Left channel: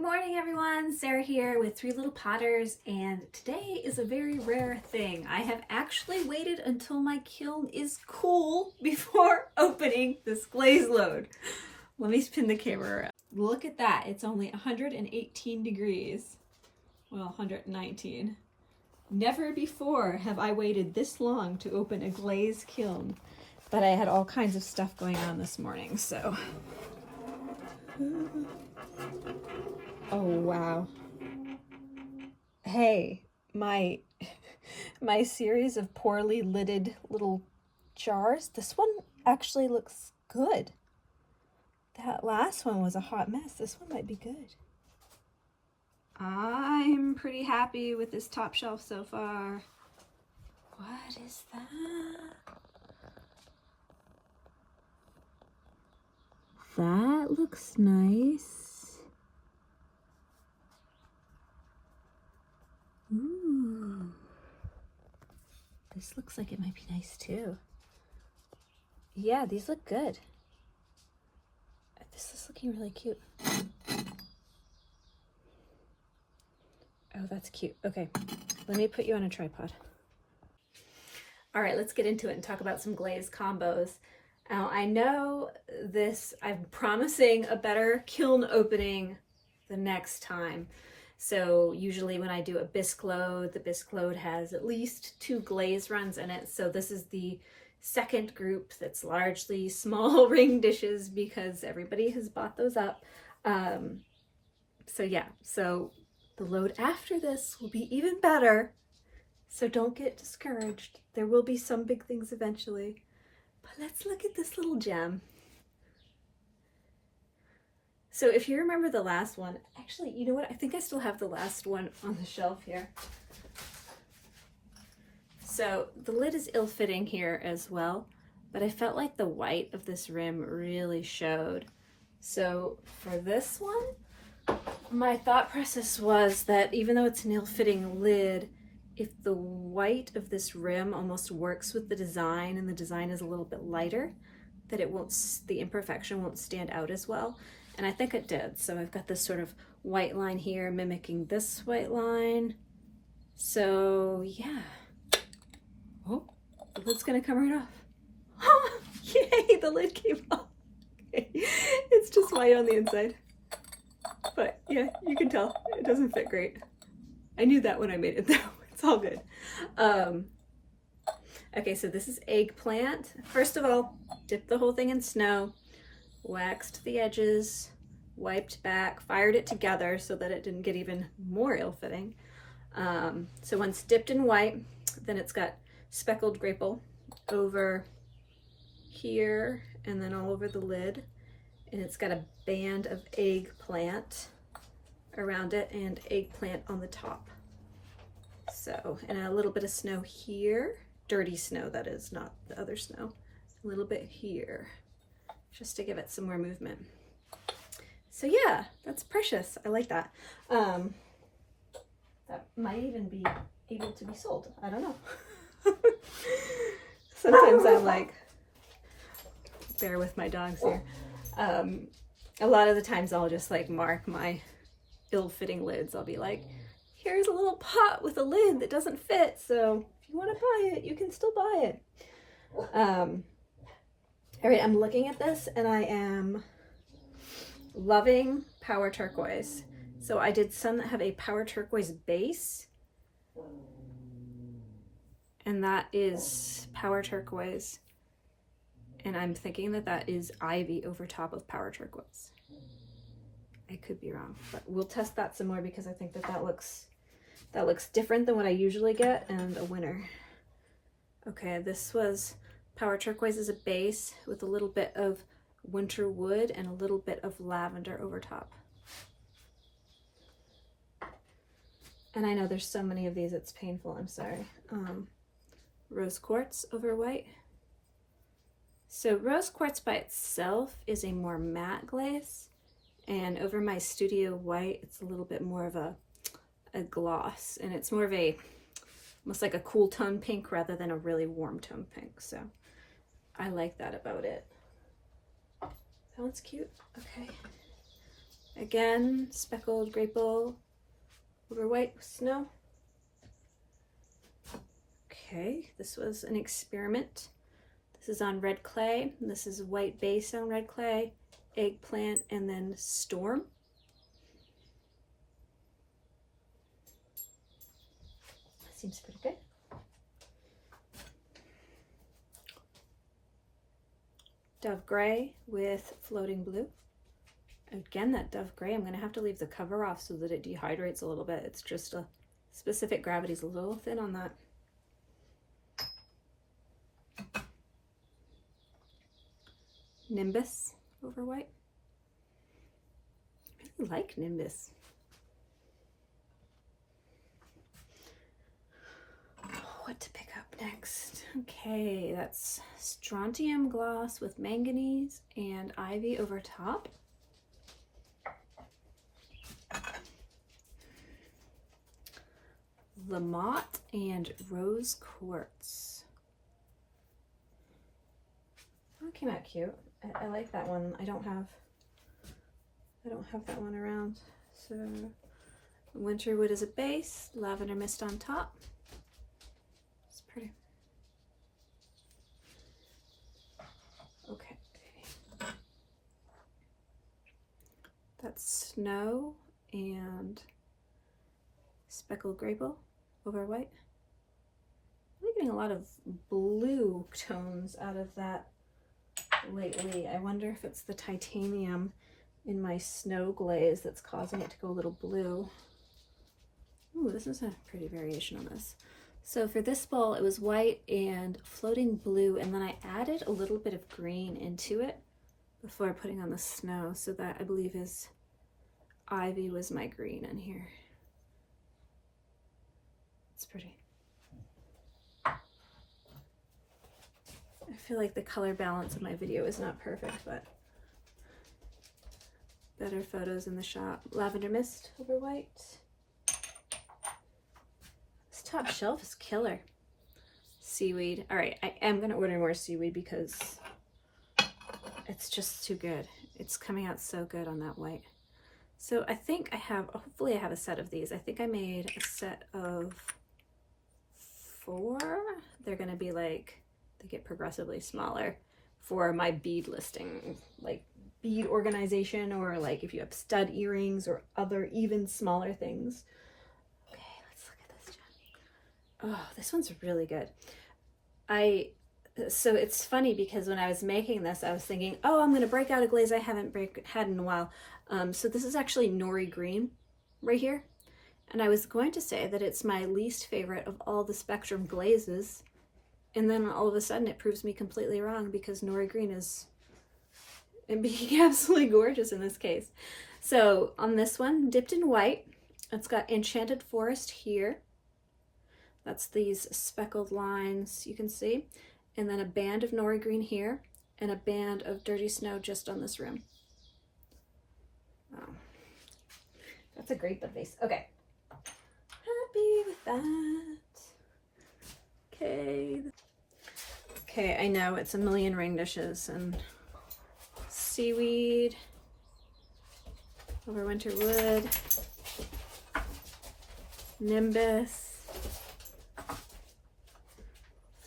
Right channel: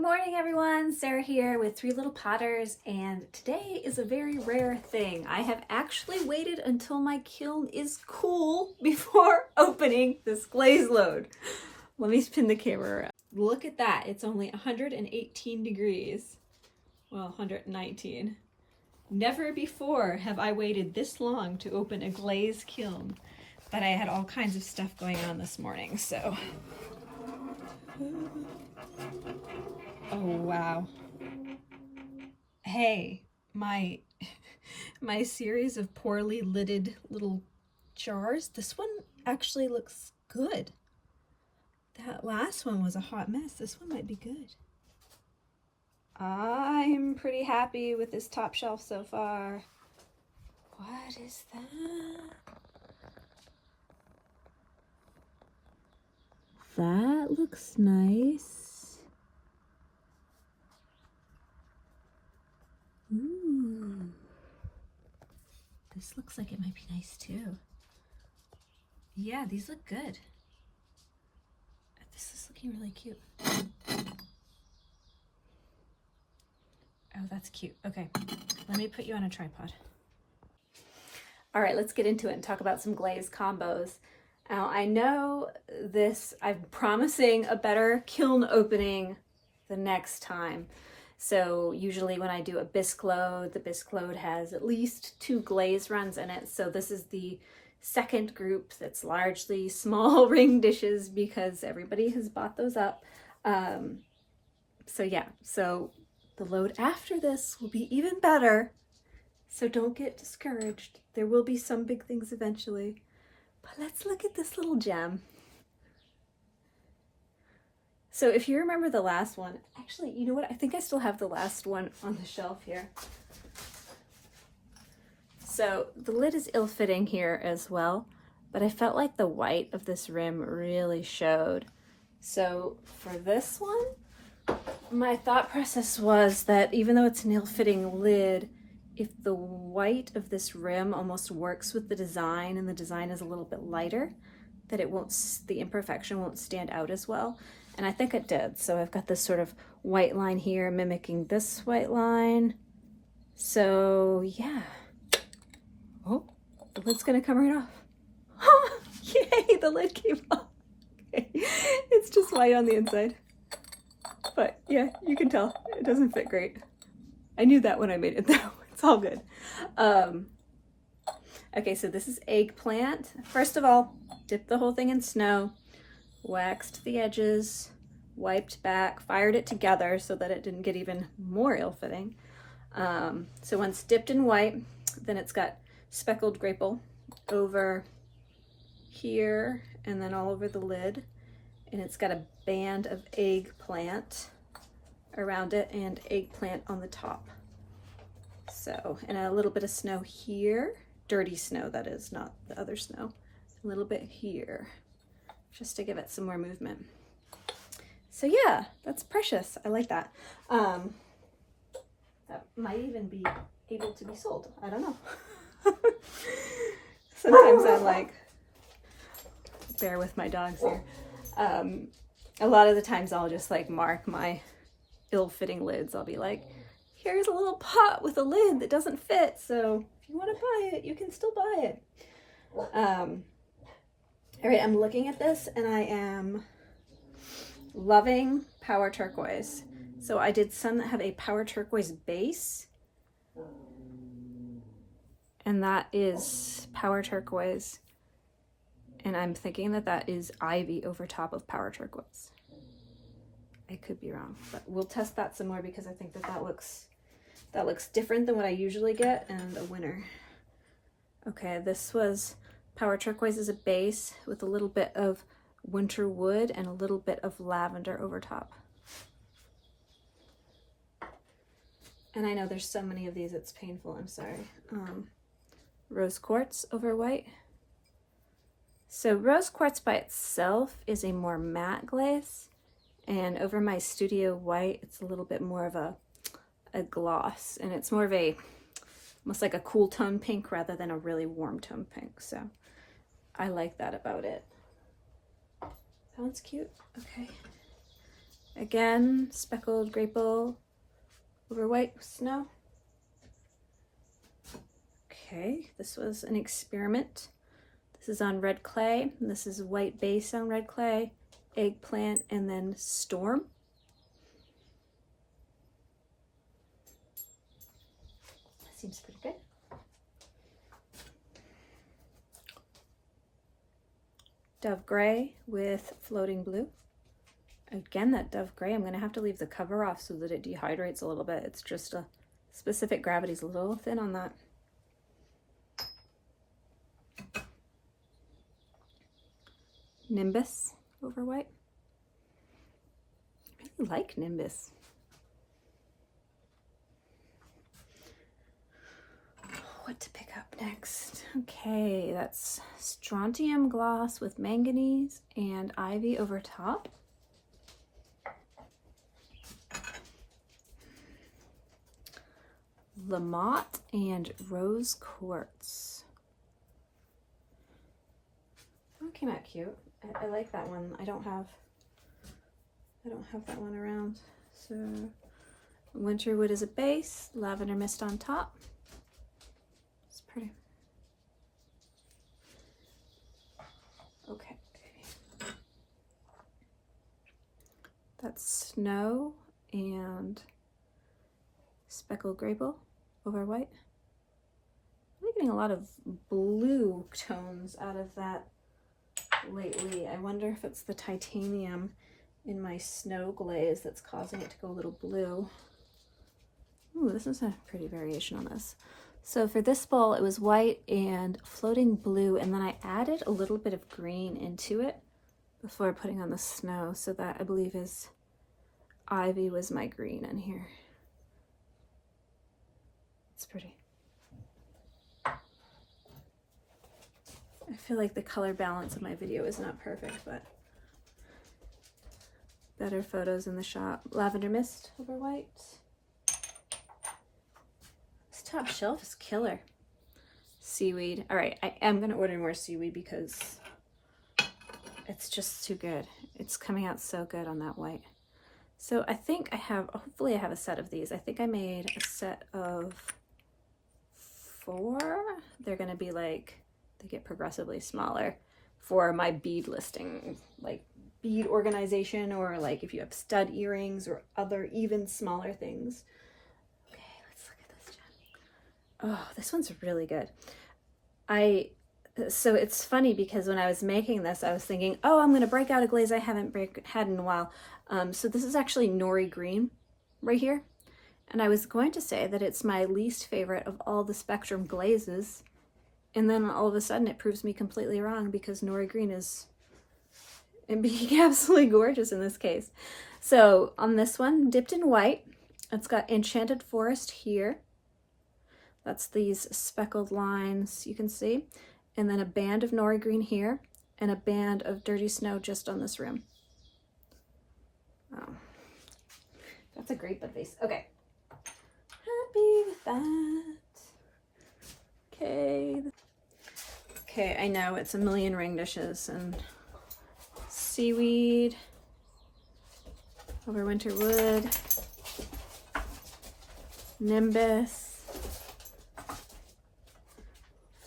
Good morning everyone, Sarah here with Three Little Potters, and today is a very rare thing. I have actually waited until my kiln is cool before opening this glaze load. Let me spin the camera around. Look at that, it's only 118 degrees. Well, 119. Never before have I waited this long to open a glaze kiln, but I had all kinds of stuff going on this morning, so. Oh, wow. Hey, my series of poorly lidded little jars, this one actually looks good. That last one was a hot mess. This one might be good. I'm pretty happy with this top shelf so far. What is that? That looks nice. Ooh. This looks like it might be nice too. Yeah, these look good. This is looking really cute. Oh, that's cute. Okay, let me put you on a tripod. All right, let's get into it and talk about some glaze combos. Now, I know I'm promising a better kiln opening the next time. So usually when I do a bisque load, the bisque load has at least 2 glaze runs in it. So this is the second group that's largely small ring dishes because everybody has bought those up. So yeah, so the load after this will be even better. So don't get discouraged. There will be some big things eventually. But let's look at this little gem. So if you remember the last one, actually, you know what? I think I still have the last one on the shelf here. So the lid is ill-fitting here as well, but I felt like the white of this rim really showed. So for this one, my thought process was that even though it's an ill-fitting lid, if the white of this rim almost works with the design and the design is a little bit lighter, that the imperfection won't stand out as well. And I think it did. So I've got this sort of white line here mimicking this white line. So yeah. Oh, the lid's gonna come right off. Yay, the lid came off. Okay. It's just white on the inside. But yeah, you can tell it doesn't fit great. I knew that when I made it though. It's all good. Okay, so this is Eggplant. First of all, dipped the whole thing in snow, waxed the edges, wiped back, fired it together so that it didn't get even more ill-fitting. So once dipped in white, then it's got speckled graple over here and then all over the lid. And it's got a band of eggplant around it and eggplant on the top. So, and a little bit of snow here. Dirty snow, that is, not the other snow. A little bit here, just to give it some more movement. So yeah, that's precious. I like that. That might even be able to be sold. I don't know. Sometimes I'm like, bear with my dogs here. A lot of the times I'll just like mark my ill-fitting lids. I'll be like, here's a little pot with a lid that doesn't fit. So if you want to buy it, you can still buy it. All right, I'm looking at this and I am loving Power Turquoise. So I did some that have a Power Turquoise base. And that is Power Turquoise. And I'm thinking that that is ivy over top of Power Turquoise. I could be wrong, but we'll test that some more because I think that looks different than what I usually get and a winner. Okay, this was Power Turquoise as a base with a little bit of winter wood and a little bit of lavender over top. And I know there's so many of these, it's painful, I'm sorry. Rose quartz over white. So rose quartz by itself is a more matte glaze, and over my studio white, it's a little bit more of a gloss, and it's more of almost like a cool tone pink rather than a really warm tone pink. So I like that about it. That one's cute. Okay. Again, speckled grape over white with snow. Okay, this was an experiment. This is on red clay. This is white base on red clay, eggplant, and then storm. That seems pretty good. Dove gray with floating blue. Again, that dove gray, I'm going to have to leave the cover off so that it dehydrates a little bit. It's just a specific gravity's a little thin on that. Nimbus over white. I really like Nimbus. What to pick up next? Okay, that's strontium gloss with manganese and ivy over top. Lamotte and rose quartz. That came out cute. I like that one. I don't have that one around. So winter wood as a base, lavender mist on top. It's pretty. Okay. That's snow and speckled grape over white. I'm getting a lot of blue tones out of that lately. I wonder if it's the titanium in my snow glaze that's causing it to go a little blue. Ooh, this is a pretty variation on this. So for this bowl, it was white and floating blue, and then I added a little bit of green into it before putting on the snow. So that, I believe, is ivy was my green in here. It's pretty. I feel like the color balance of my video is not perfect, but better photos in the shop. Lavender mist over white. This top shelf is killer. Seaweed. All right, I am going to order more seaweed because it's just too good. It's coming out so good on that white. So I think I have, hopefully I have a set of these. I think I made a set of 4. They're going to be like, they get progressively smaller for my bead listing, like bead organization, or like if you have stud earrings or other even smaller things. Okay, let's look at this, Jen. Oh, this one's really good. So it's funny because when I was making this, I was thinking, oh, I'm going to break out a glaze I haven't had in a while. So this is actually Nori Green right here. And I was going to say that it's my least favorite of all the Spectrum glazes. And then all of a sudden it proves me completely wrong because Nori Green is being absolutely gorgeous in this case. So on this one, dipped in white, it's got Enchanted Forest here. That's these speckled lines you can see. And then a band of Nori Green here and a band of Dirty Snow just on this rim. Oh, that's a great bud face. Okay. Happy with that. Okay. Okay, I know it's a million ring dishes and seaweed over winter wood, nimbus,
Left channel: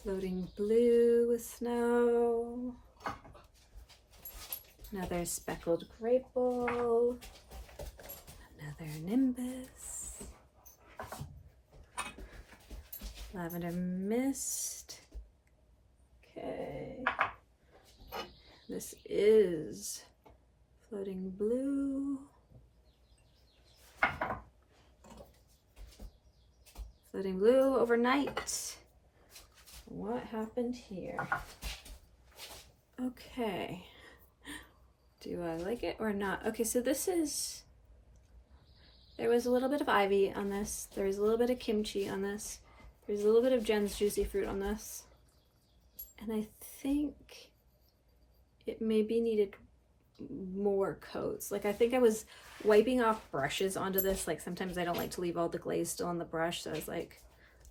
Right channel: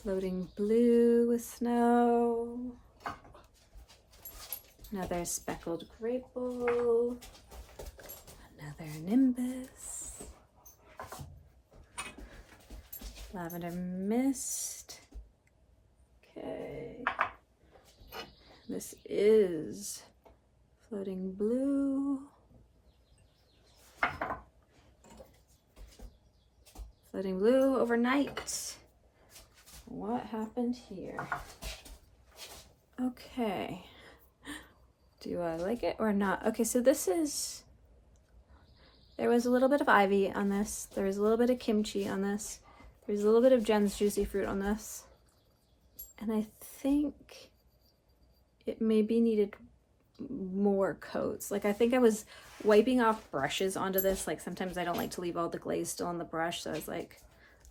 floating blue with snow, another speckled grape bowl, another nimbus, lavender mist. Okay, this is floating blue, floating blue overnight. What happened here? Okay, do I like it or not? Okay, so this is, there was a little bit of ivy on this, there's a little bit of kimchi on this, there's a little bit of Jen's Juicy Fruit on this, and I think it maybe needed more coats. Like I think I was wiping off brushes onto this. Like sometimes I don't like to leave all the glaze still on the brush, so I was like,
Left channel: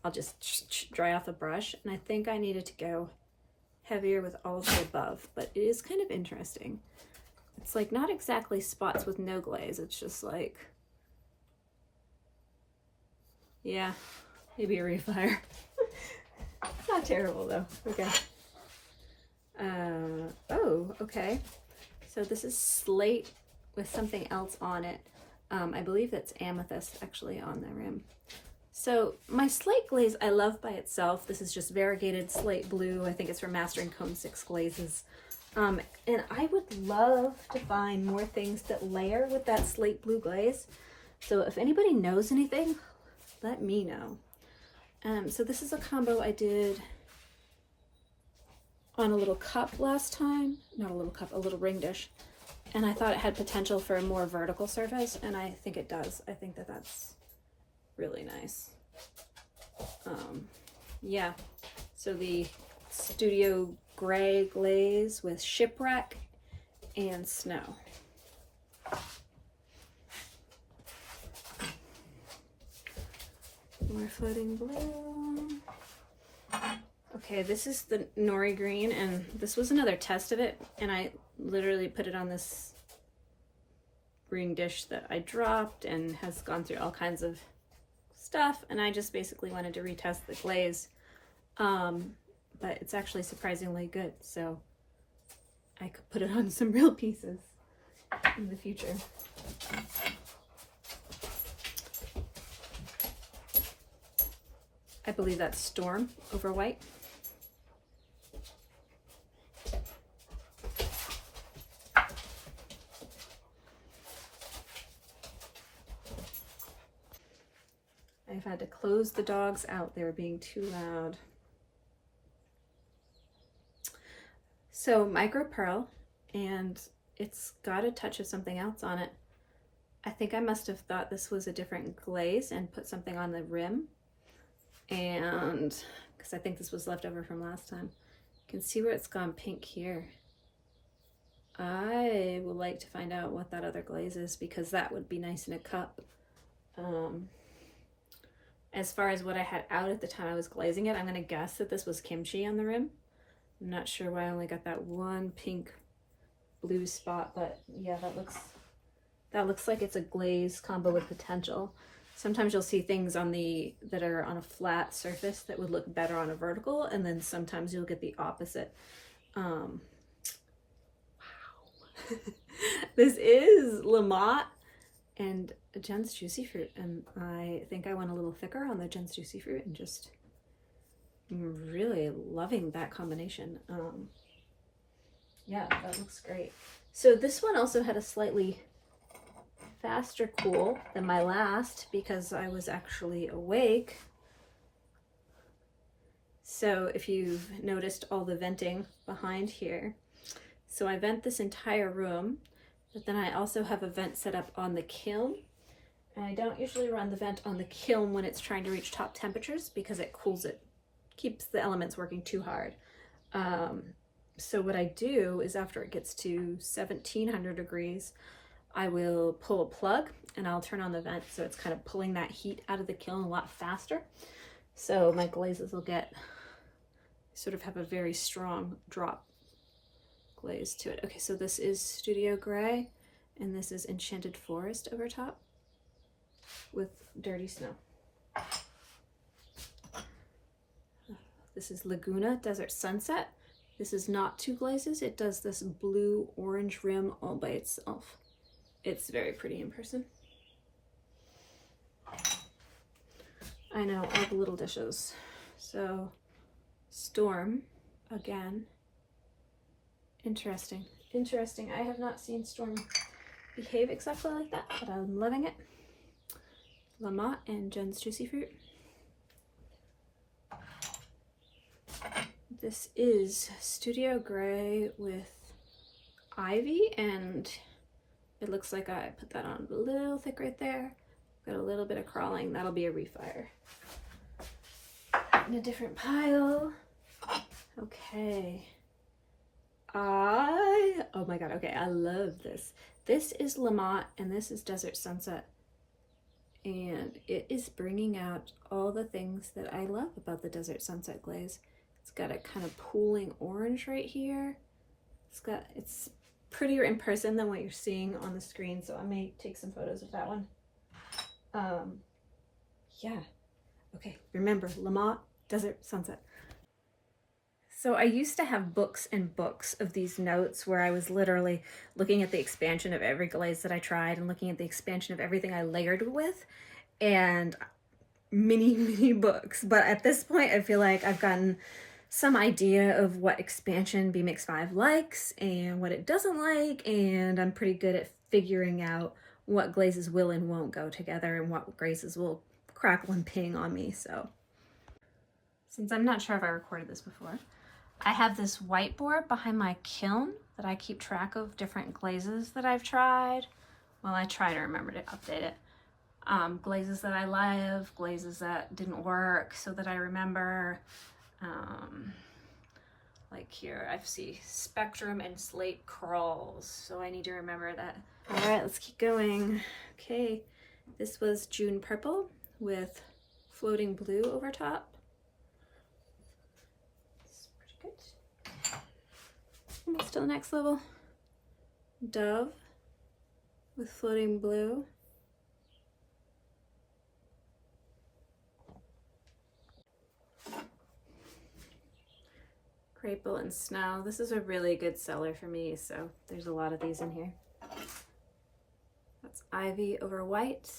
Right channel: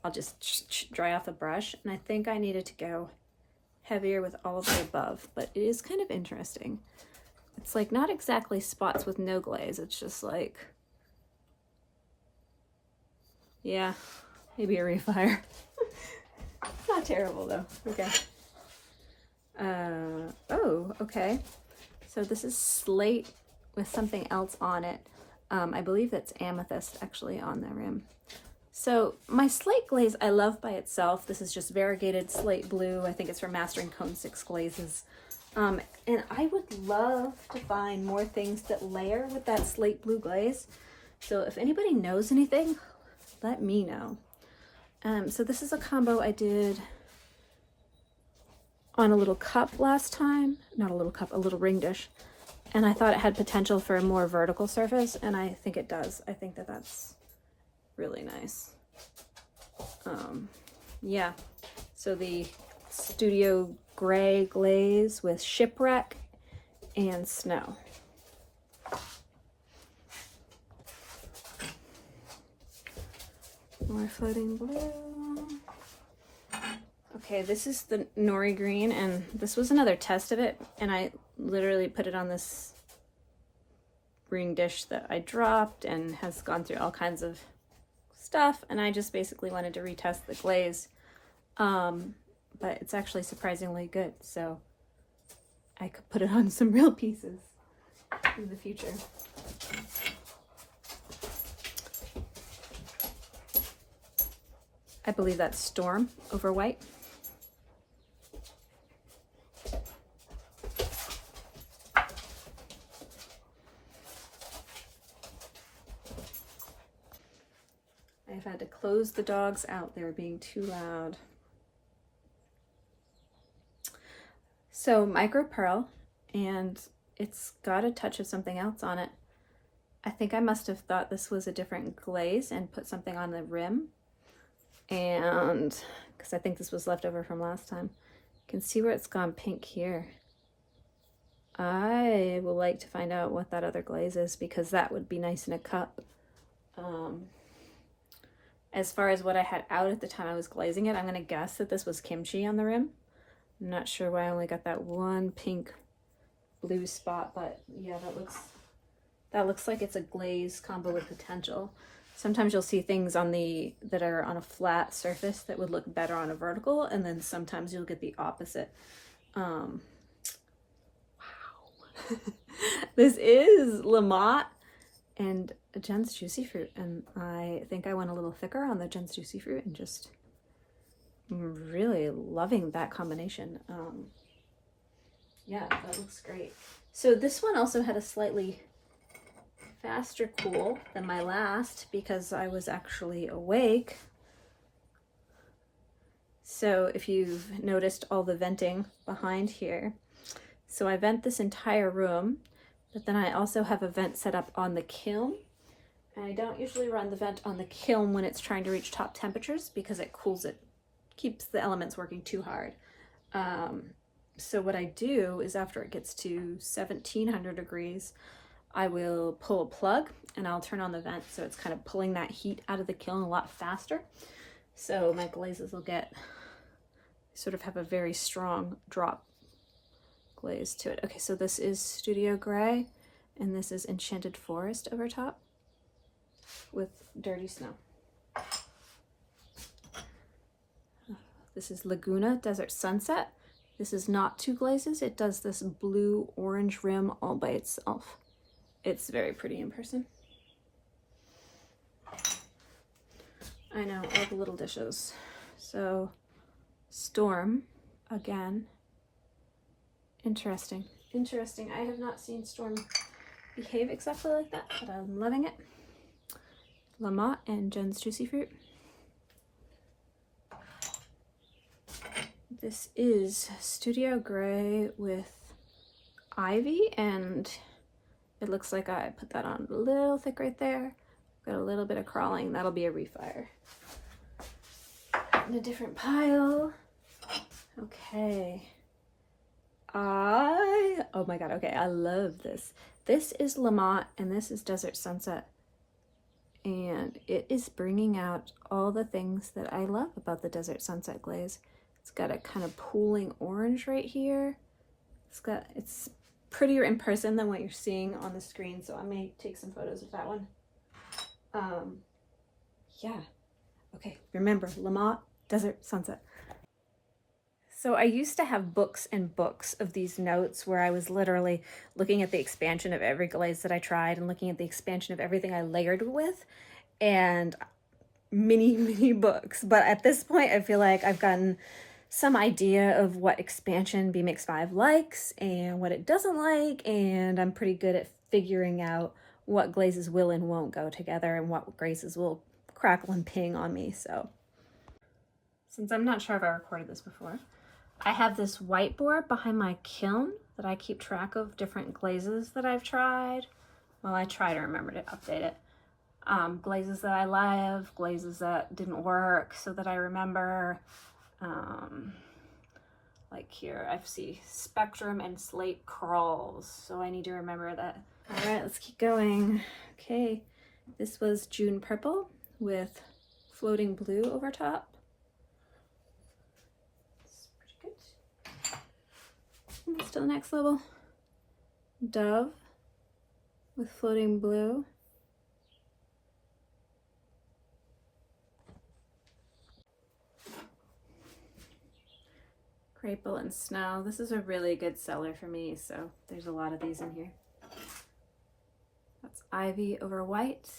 I'll just dry off the brush. And I think I needed to go heavier with all of the above, but it is kind of interesting. It's like not exactly spots with no glaze. It's just like, yeah, maybe a refire. It's not terrible though. Okay. Oh, okay. So this is slate with something else on it. I believe that's amethyst actually on the rim. So my slate glaze I love by itself. This is just variegated slate blue. I think it's from Mastering Cone 6 Glazes. And I would love to find more things that layer with that slate blue glaze. So if anybody knows anything, let me know. So this is a combo I did on a little cup last time. Not a little cup, a little ring dish. And I thought it had potential for a more vertical surface, and I think it does. I think that that's really nice. Yeah, so the Studio Gray glaze with Shipwreck and Snow. More floating blue. Okay, this is the Nori Green, and this was another test of it, and I literally put it on this ring dish that I dropped and has gone through all kinds of stuff, and I just basically wanted to retest the glaze. But it's actually surprisingly good, so I could put it on some real pieces in the future. I believe that's Storm over white. I've had to close the dogs out. They were being too loud. So micro pearl, and it's got a touch of something else on it. I think I must have thought this was a different glaze and put something on the rim. And because I think this was left over from last time. You can see where it's gone pink here. I would like to find out what that other glaze is, because that would be nice in a cup. As far as what I had out at the time I was glazing it, I'm going to guess that this was kimchi on the rim. I'm not sure why I only got that one pink blue spot, but yeah, that looks like it's a glaze combo with potential. Sometimes you'll see things on that are on a flat surface that would look better on a vertical, and then sometimes you'll get the opposite. Wow. This is Lamont and Jen's Juicy Fruit, and I think I went a little thicker on the Jen's Juicy Fruit, and just really loving that combination. Yeah, that looks great. So this one also had a slightly faster cool than my last, because I was actually awake. So if you've noticed all the venting behind here, so I vent this entire room, but then I also have a vent set up on the kiln. And I don't usually run the vent on the kiln when it's trying to reach top temperatures, because it cools it, keeps the elements working too hard. So what I do is after it gets to 1700 degrees, I will pull a plug and I'll turn on the vent, so it's kind of pulling that heat out of the kiln a lot faster. So my glazes will sort of have a very strong drop glaze to it. Okay, so this is Studio Gray, and this is Enchanted Forest over top with Dirty Snow. This is Laguna Desert Sunset. This is not two glazes. It does this blue-orange rim all by itself. It's very pretty in person. I know, all the little dishes. So, Storm, again. Interesting. Interesting. I have not seen Storm behave exactly like that, but I'm loving it. Lamont and Jen's Juicy Fruit. This is Studio Gray with Ivy, and it looks like I put that on a little thick right there. Got a little bit of crawling. That'll be a refire. In a different pile. Okay. Oh my god, okay, I love this. This is Lamont, and this is Desert Sunset. And it is bringing out all the things that I love about the Desert Sunset glaze. It's got a kind of pooling orange right here. It's prettier in person than what you're seeing on the screen, so I may take some photos of that one. Yeah. Okay, remember, Lamont, Desert Sunset. So I used to have books and books of these notes where I was literally looking at the expansion of every glaze that I tried and looking at the expansion of everything I layered with, and many books. But at this point, I feel like I've gotten some idea of what expansion BMix 5 likes and what it doesn't like, and I'm pretty good at figuring out what glazes will and won't go together and what glazes will crackle and ping on me. So since I'm not sure if I recorded this before, I have this whiteboard behind my kiln that I keep track of different glazes that I've tried. Well, I try to remember to update it. Glazes that I love, glazes that didn't work so that I remember. Like here, I see Spectrum and Slate Crawls, so I need to remember that. All right, let's keep going. Okay, this was June Purple with Floating Blue over top. Almost to the next level. Dove with Floating Blue. Crapple and Snow. This is a really good seller for me, so there's a lot of these in here. That's Ivy over White.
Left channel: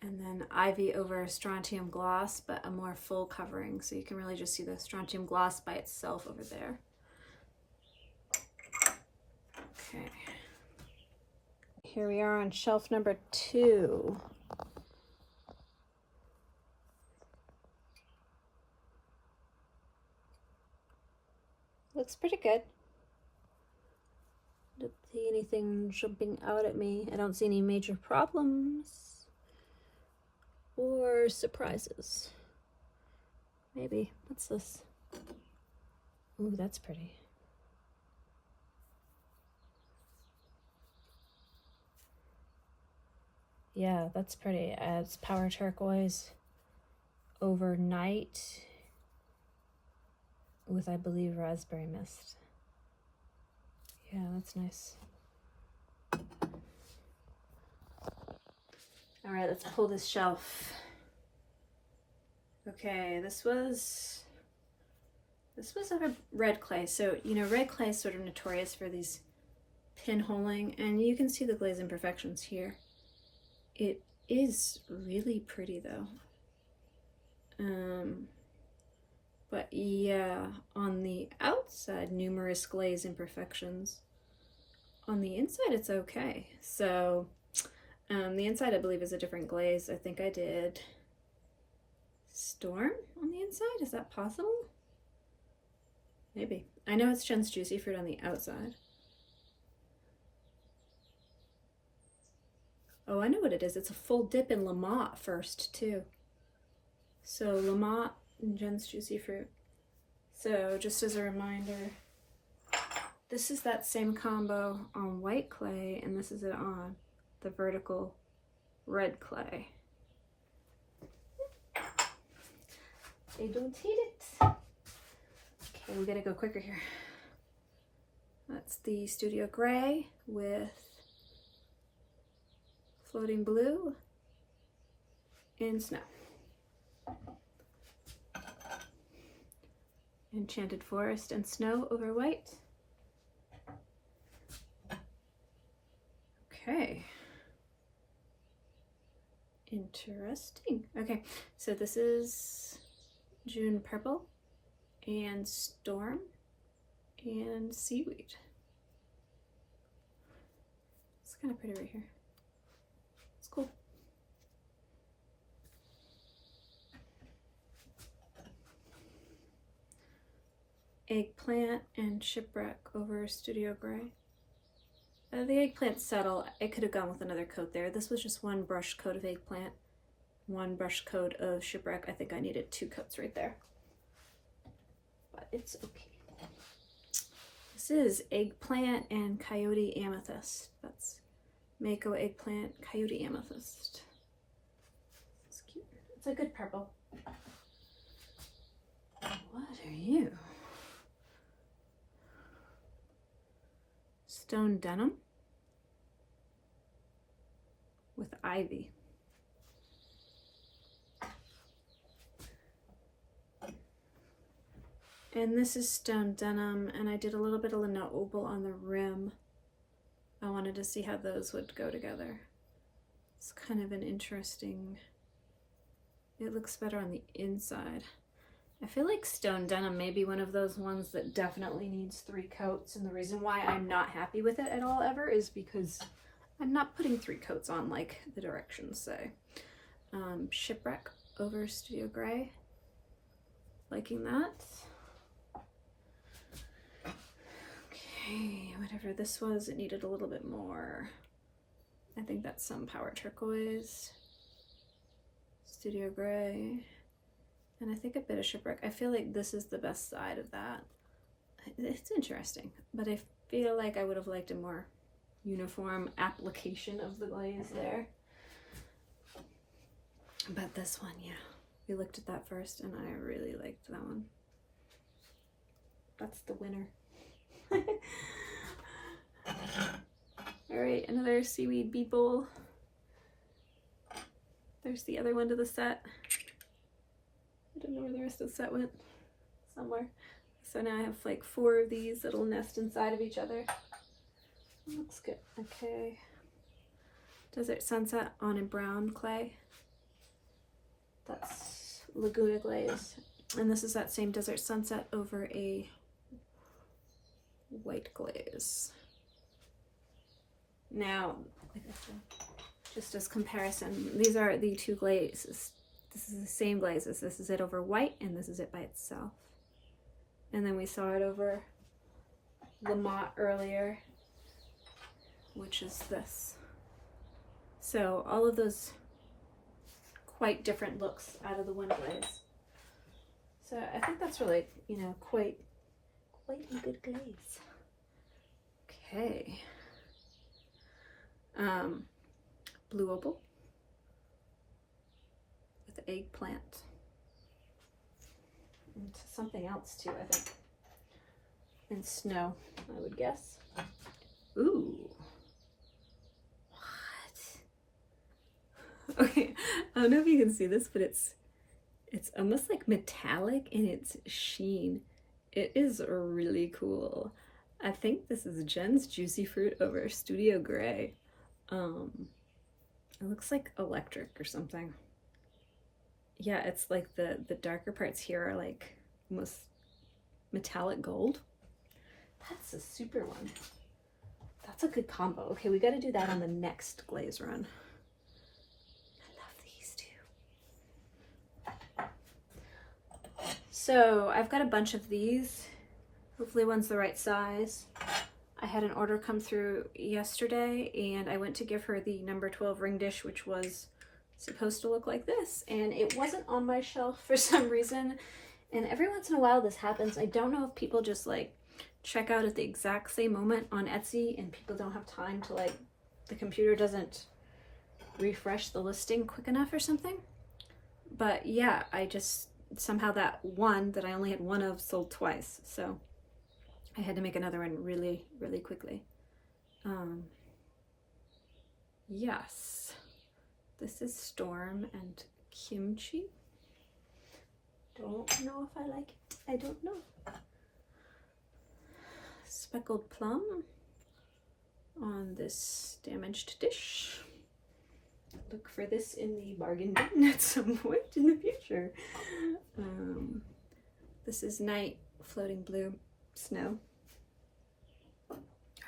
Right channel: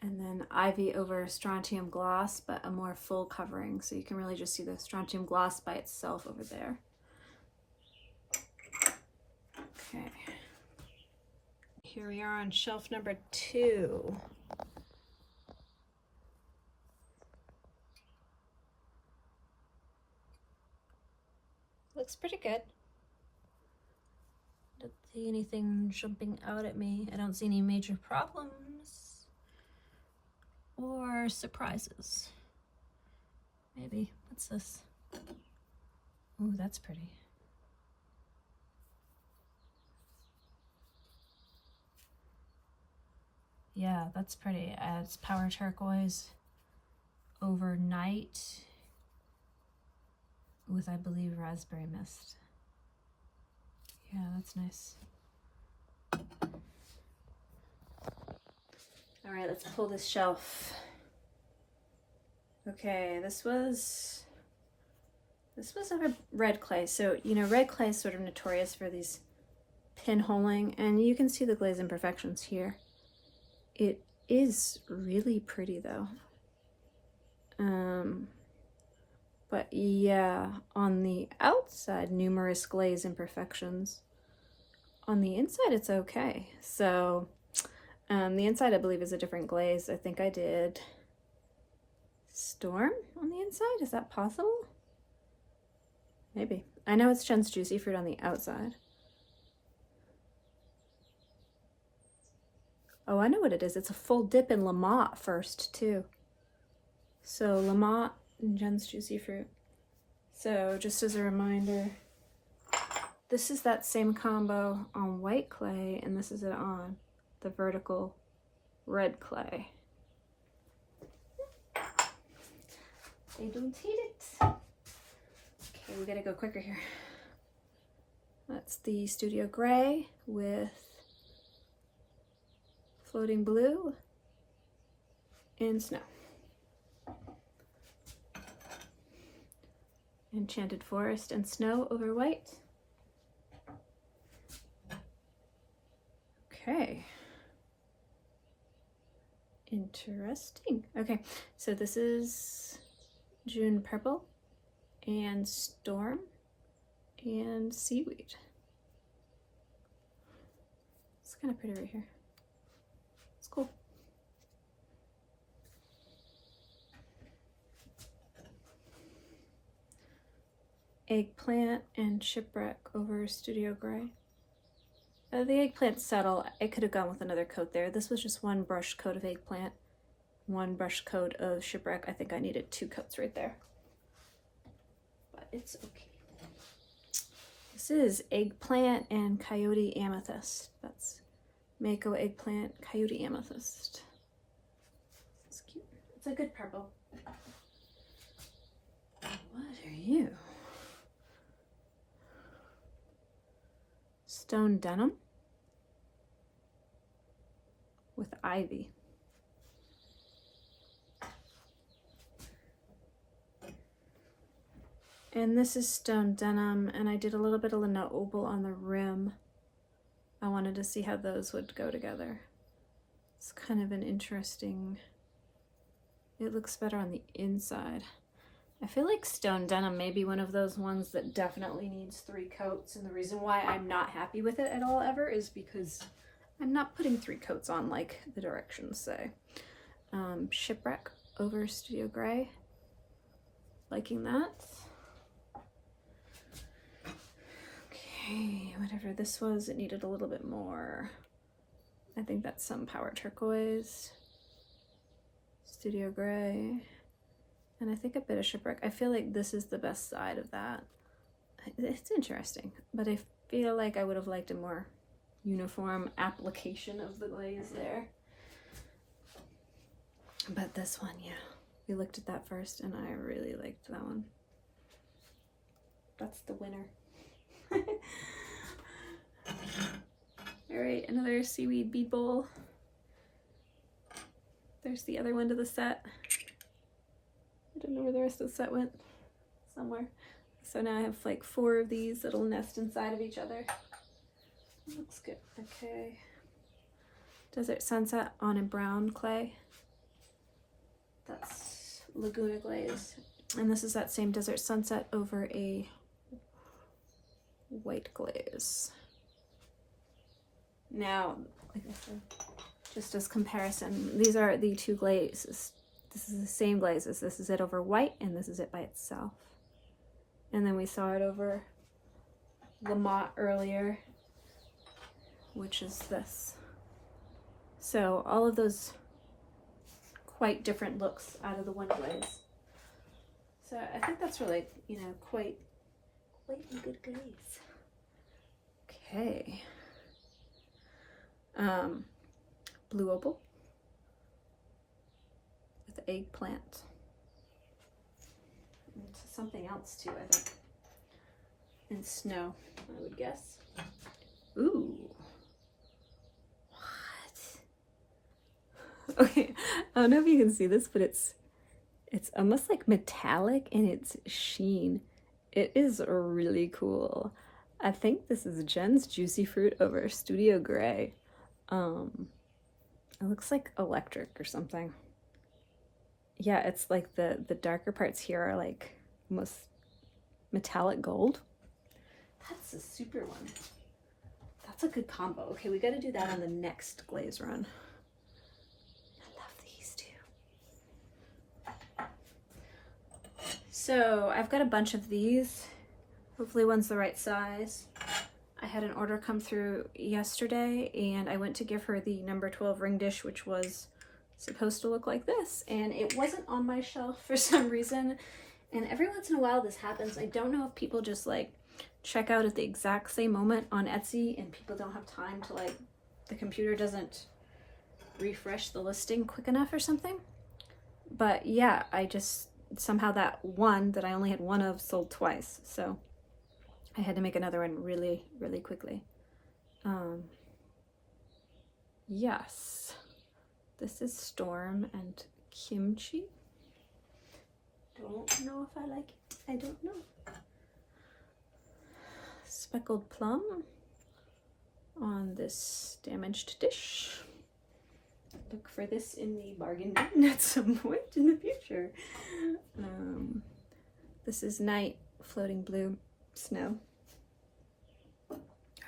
And then Ivy over Strontium Gloss, but a more full covering, so you can really just see the Strontium Gloss by itself over there. Okay. Here we are on shelf number 2. Looks pretty good. Don't see anything jumping out at me. I don't see any major problems or surprises. Maybe. What's this? Ooh, that's pretty. Yeah, that's pretty. It's Power Turquoise over Night with, I believe, Raspberry Mist. Yeah, that's nice. All right, let's pull this shelf. Okay, this was a red clay. So, you know, red clay is sort of notorious for these pinholing, and you can see the glaze imperfections here. It is really pretty though. But yeah, on the outside, numerous glaze imperfections. On the inside, it's okay. So, the inside, I believe, is a different glaze. I think I did Storm on the inside. Is that possible? Maybe. I know it's Jen's Juicy Fruit on the outside. Oh, I know what it is. It's a full dip in Lamont first, too. So Lamont and Jen's Juicy Fruit. So just as a reminder, this is that same combo on white clay, and this is it on the vertical red clay. I don't hate it. Okay, we gotta go quicker here. That's the Studio Gray with Floating Blue and Snow. Enchanted Forest and Snow over White. Okay. Interesting. Okay, so this is June Purple and Storm and Seaweed. It's kind of pretty right here. It's cool. Eggplant and Shipwreck over Studio Gray. The Eggplant subtle. I could have gone with another coat there. This was just one brush coat of Eggplant, one brush coat of Shipwreck. I think I needed 2 coats right there, but it's okay. This is Eggplant and Coyote Amethyst. That's Mayco Eggplant, Coyote Amethyst. It's cute. It's a good purple. What are you? stone denim with ivy. And this is stone denim, and I did a little bit of Laguna opal on the rim. I wanted to see how those would go together. It's kind of an interesting, it looks better on the inside. I feel like stone denim may be one of those ones that definitely needs 3 coats, and the reason why I'm not happy with it at all ever is because I'm not putting 3 coats on like the directions say. Shipwreck over Studio Gray. Liking that. Okay, whatever this was, it needed a little bit more. I think that's some Power Turquoise, Studio Gray, and I think a bit of Shipwreck. I feel like this is the best side of that. It's interesting, but I feel like I would have liked a more uniform application of the glaze there. But this one, yeah, we looked at that first and I really liked that one. That's the winner. All right, another seaweed bead bowl. There's the other one to the set. I don't know where the rest of the set went. Somewhere. So now I have like 4 of these that'll nest inside of each other. Looks good. Okay. Desert Sunset on a brown clay. That's Laguna glaze. And this is that same Desert Sunset over a white glaze. Now, just as comparison, these are the 2 glazes. This is the same glazes. This is it over white, and this is it by itself. And then we saw it over the matte earlier, which is this. So all of those quite different looks out of the one glaze. So I think that's really, you know, quite a good glaze. Okay. Blue opal with eggplant. And something else too, I think. And snow, I would guess. Ooh. What? Okay, I don't know if you can see this, but it's almost like metallic in its sheen. It is really cool. I think this is Jen's Juicy Fruit over Studio Gray. It looks like electric or something. Yeah, it's like the darker parts here are like almost metallic gold. That's a super one. That's a good combo. Okay, we got to do that on the next glaze run. I love these two. So I've got a bunch of these. Hopefully one's the right size. I had an order come through yesterday and I went to give her the number 12 ring dish, which was supposed to look like this, and it wasn't on my shelf for some reason. And every once in a while this happens. I don't know if people just like check out at the exact same moment on Etsy and people don't have time to, like, the computer doesn't refresh the listing quick enough or something. But yeah, I just somehow that one that I only had one of sold twice, so I had to make another one really quickly. Yes, this is Storm and Kimchi. Don't know if I like it. I don't know. Speckled plum on this damaged dish. Look for this in the bargain bin at some point in the future. This is Night Floating Blue Snow. All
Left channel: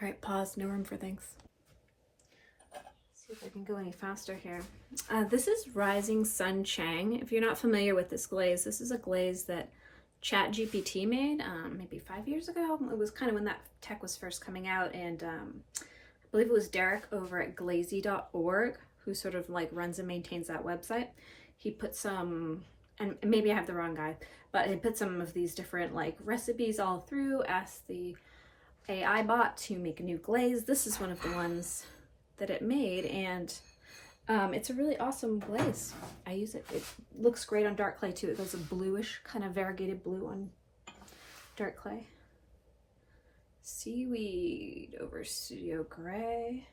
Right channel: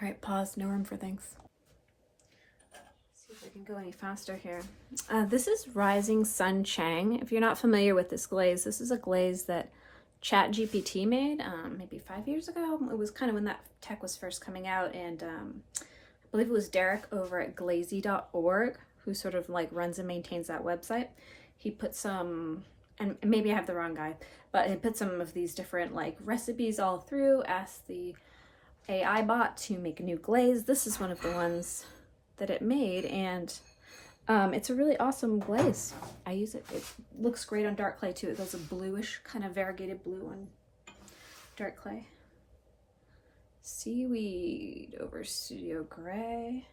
right, pause. No room for things. See if I can go any faster here. This is Rising Sun Chang. If you're not familiar with this glaze, this is a glaze that ChatGPT made maybe 5 years ago. It was kind of when that tech was first coming out, and I believe it was Derek over at glazy.org who sort of like runs and maintains that website. He put some, and maybe I have the wrong guy, but he put some of these different like recipes all through, asked the AI bot to make a new glaze. This is one of the ones that it made, and it's a really awesome glaze. I use it. It looks great on dark clay too. It goes a bluish, kind of variegated blue on dark clay. Seaweed over Studio Gray.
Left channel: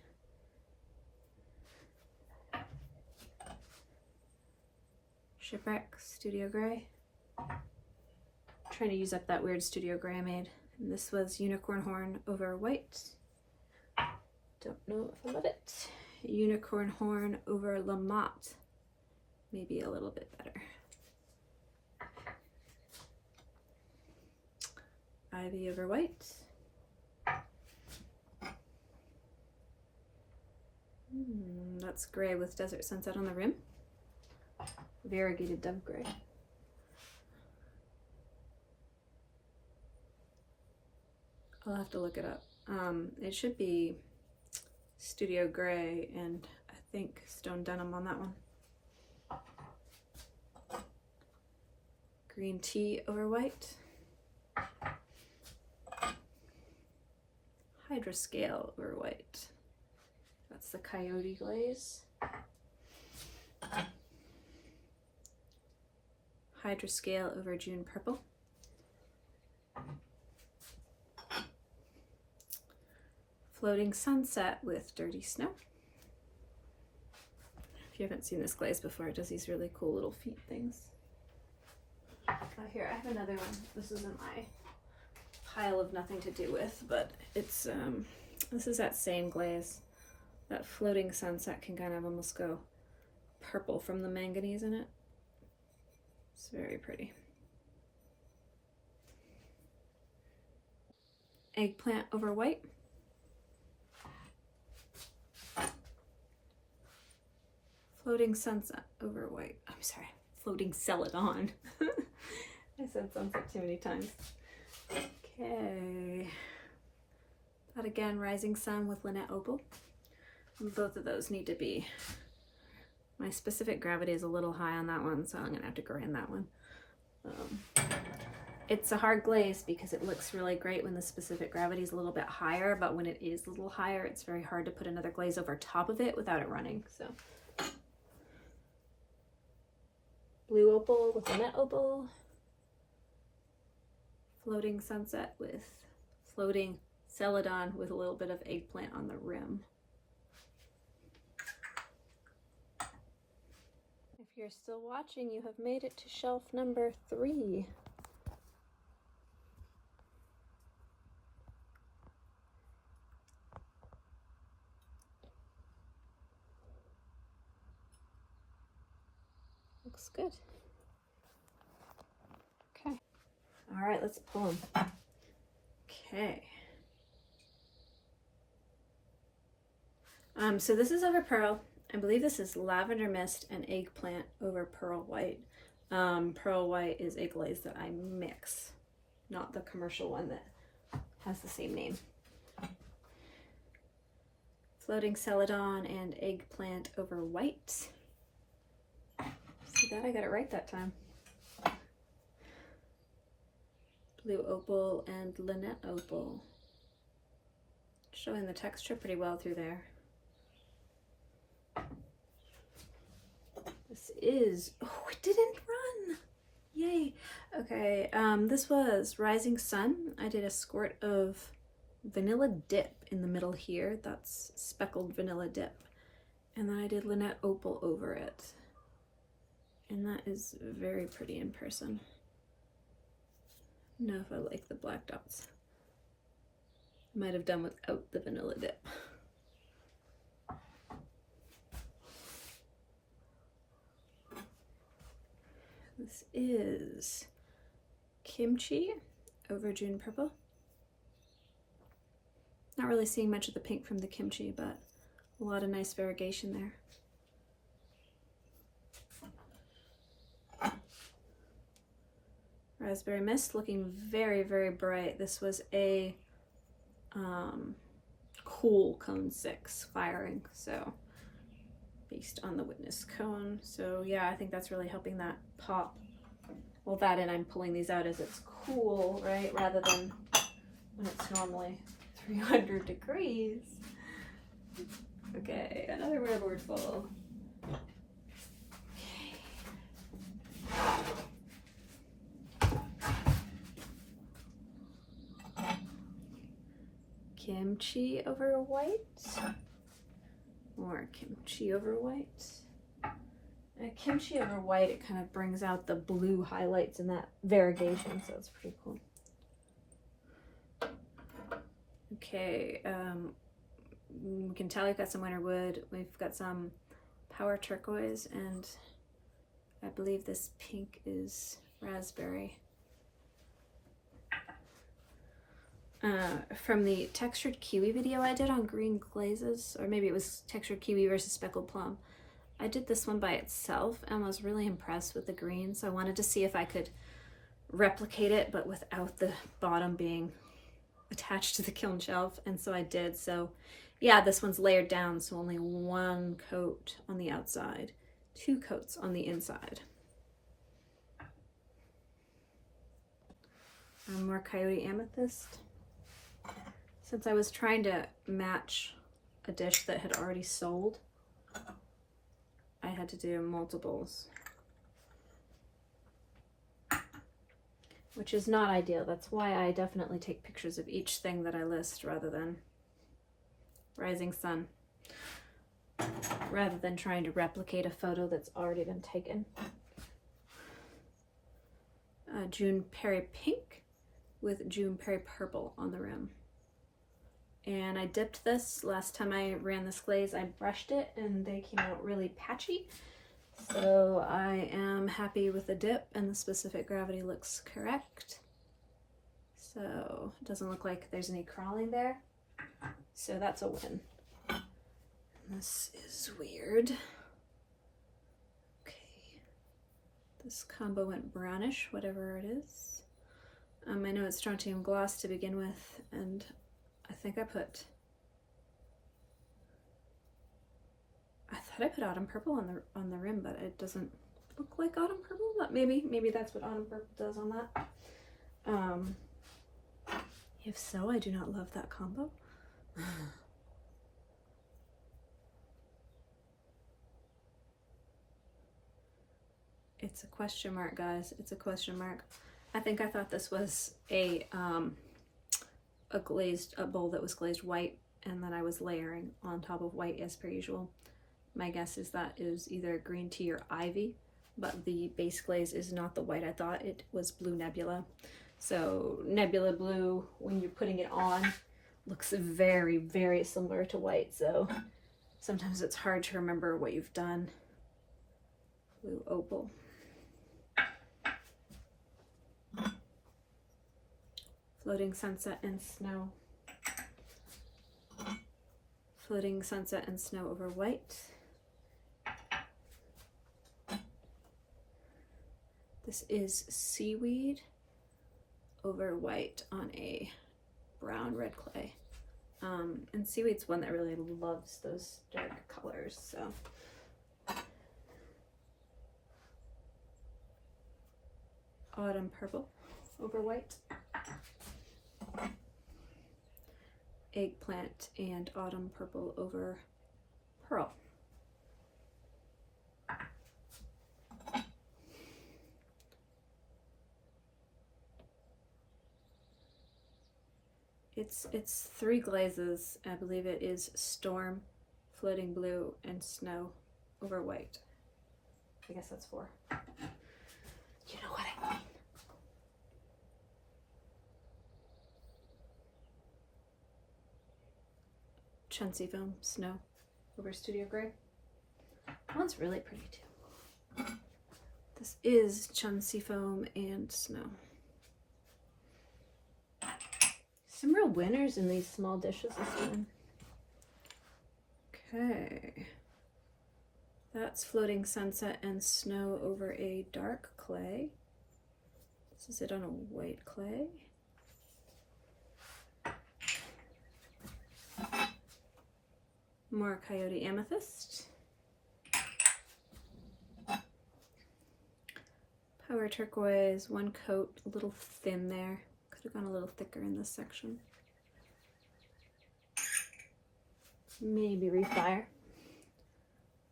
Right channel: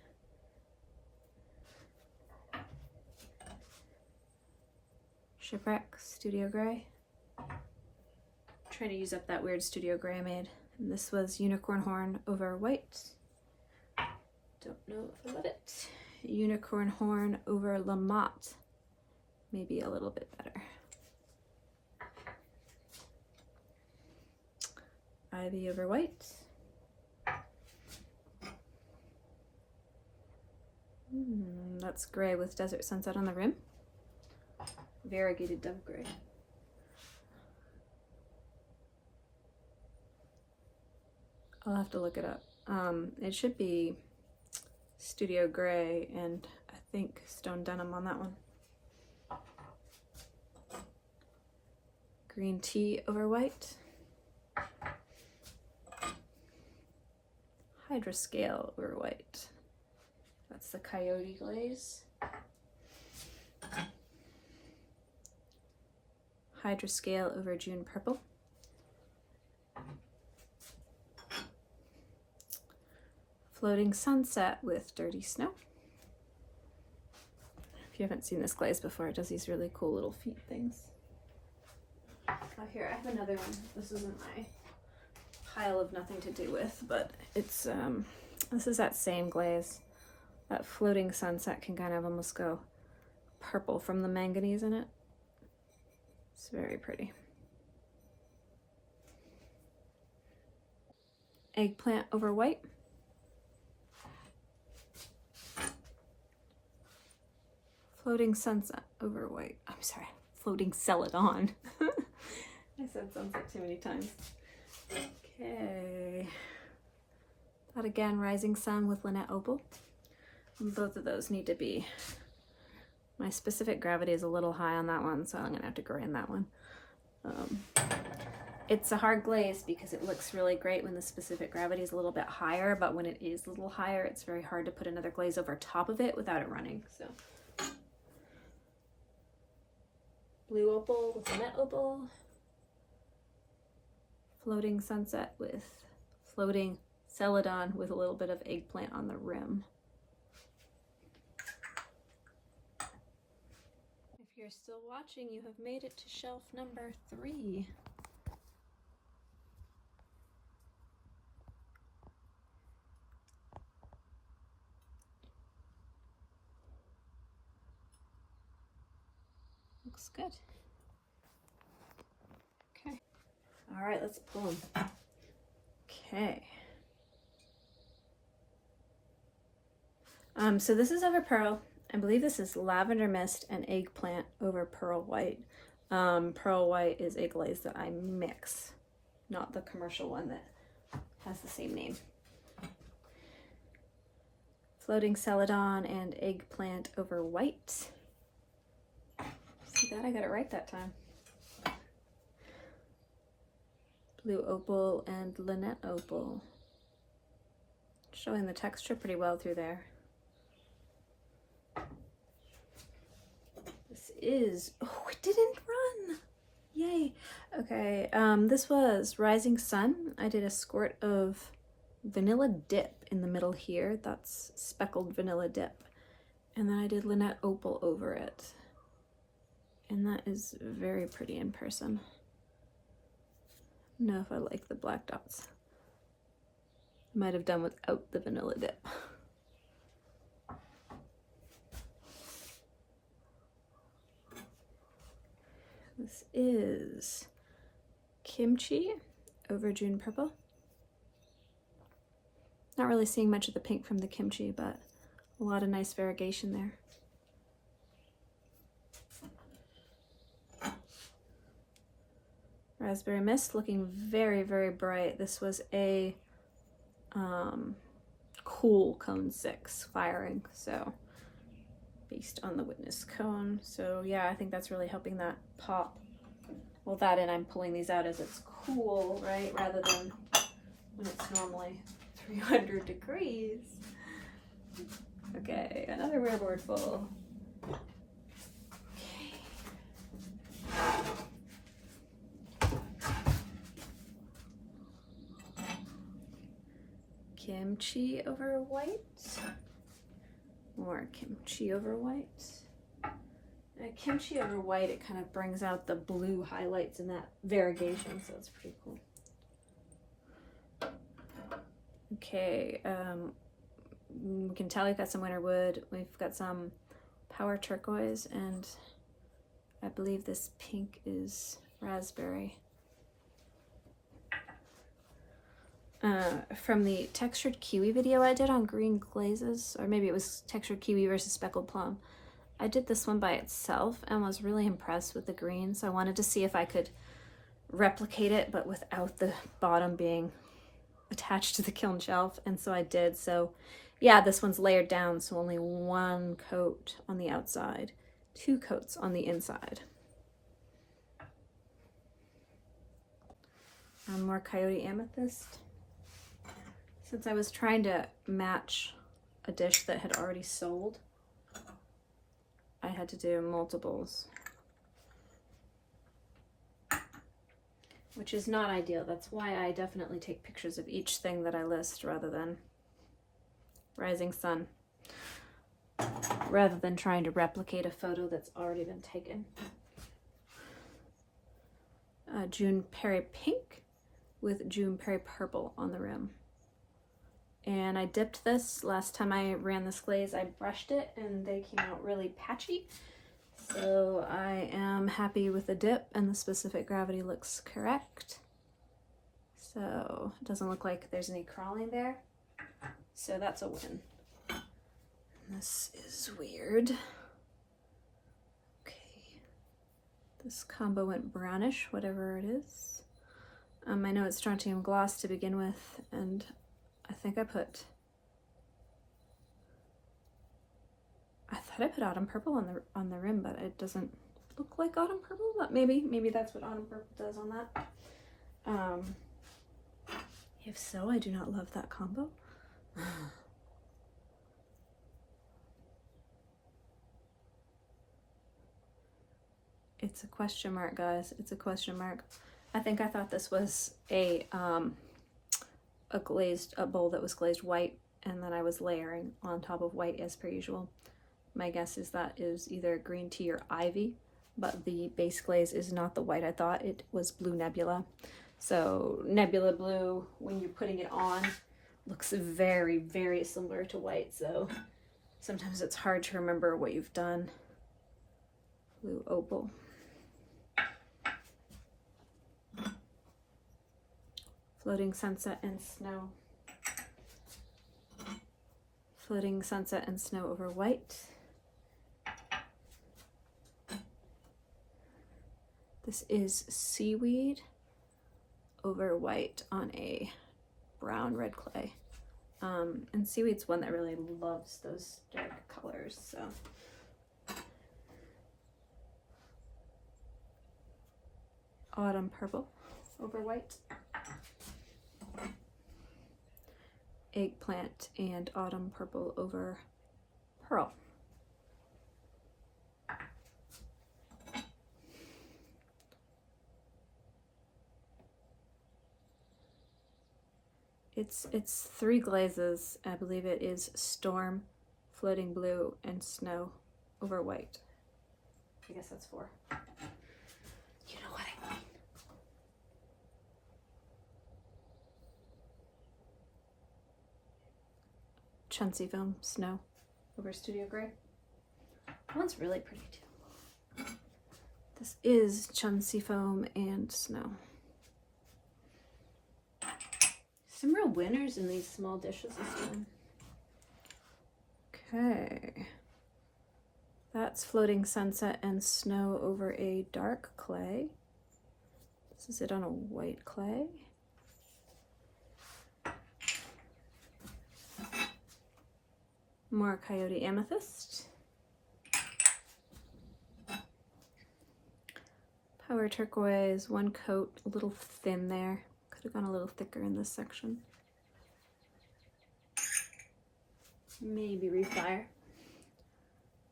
Shipwreck, Studio Gray. Trying to use up that weird Studio Gray I made. And this was Unicorn Horn over White. Don't know if I love it. Unicorn Horn over Lamont. Maybe a little bit better. Ivy over White. That's gray with Desert Sunset on the rim. Variegated Dove Gray. I'll have to look it up. It should be Studio Gray and I think Stone Denim on that one. Green Tea over White. Hydroscale over White. That's the Coyote glaze. Hydroscale over June Purple. Floating Sunset with Dirty Snow. If you haven't seen this glaze before, it does these really cool little feet things. Oh, here, I have another one. This isn't my pile of nothing to do with, but it's, this is that same glaze. That Floating Sunset can kind of almost go purple from the manganese in it. It's very pretty. Eggplant over White. Floating Sunset over White. I'm sorry, Floating Celadon. I said sunset too many times. Okay. That again, Rising Sun with Lynette Opal. And both of those need to be, my specific gravity is a little high on that one, so I'm gonna have to grind that one. It's a hard glaze because it looks really great when the specific gravity is a little bit higher, but when it is a little higher, it's very hard to put another glaze over top of it without it running, so. Blue Opal with Lynette Opal. Floating Sunset with Floating Celadon with a little bit of Eggplant on the rim. If you're still watching, you have made it to shelf number 3. Looks good. Okay. All right, let's pull them. Okay. So this is over Pearl. I believe this is Lavender Mist and Eggplant over Pearl White. Pearl White is a glaze that I mix, not the commercial one that has the same name. Floating Celadon and Eggplant over White. See that? I got it right that time. Blue Opal and Lynette Opal. Showing the texture pretty well through there. This is, oh, it didn't run. Yay. Okay, this was Rising Sun. I did a squirt of vanilla dip in the middle here. That's speckled vanilla dip. And then I did Lynette Opal over it. And that is very pretty in person. I don't know if I like the black dots. Might have done without the vanilla dip. This is Kimchi over June Purple. Not really seeing much of the pink from the kimchi, but a lot of nice variegation there. Raspberry Mist looking very, very bright. This was a cool cone 6 firing, so based on the witness cone. So yeah, I think that's really helping that pop. Well, that, and I'm pulling these out as it's cool, right? Rather than when it's normally 300 degrees. Okay, another rubber full. kimchi over white. More kimchi over white. Kimchi over white, it kind of brings out the blue highlights in that variegation, so it's pretty cool. Okay, we can tell we've got some winter wood. We've got some power turquoise, and I believe this pink is raspberry. From the textured kiwi video I did on green glazes, or maybe it was textured kiwi versus speckled plum, I did this one by itself and was really impressed with the green, so I wanted to see if I could replicate it but without the bottom being attached to the kiln shelf, and so I did. So yeah, this one's layered down, so only one coat on the outside, 2 coats on the inside. More coyote amethyst. Since I was trying to match a dish that had already sold, I had to do multiples, which is not ideal. That's why I definitely take pictures of each thing that I list rather than rising sun, rather than trying to replicate a photo that's already been taken. June Perry pink with June Perry purple on the rim. And I dipped this last time I ran this glaze. I brushed it and they came out really patchy. So I am happy with the dip, and the specific gravity looks correct. So it doesn't look like there's any crawling there. So that's a win. This is weird. Okay. This combo went brownish, whatever it is. I know it's strontium gloss to begin with, and I think I thought I put autumn purple on the rim, but it doesn't look like autumn purple, but maybe that's what autumn purple does on that. If so, I do not love that combo. It's a question mark, guys. It's a question mark. I thought this was a bowl that was glazed white, and then I was layering on top of white as per usual. My guess is that is either green tea or ivy, but the base glaze is not the white I thought. It was blue nebula. So nebula blue, when you're putting it on, looks very, very similar to white. So sometimes it's hard to remember what you've done. Blue opal. Floating sunset and snow. Floating sunset and snow over white. This is seaweed over white on a brown red clay. And seaweed's one that really loves those dark colors, so. Autumn purple over white. Eggplant and autumn purple over pearl. It's 3 glazes. I believe it is storm, floating blue, and snow over white. I guess that's 4. You know what I mean. Chuncy foam, snow over studio gray. That one's really pretty too. This is chuncy foam and snow. Some real winners in these small dishes this time. Okay. That's floating sunset and snow over a dark clay. This is it on a white clay. More coyote amethyst. Power turquoise, 1 coat, a little thin there. Could have gone a little thicker in this section. Maybe refire.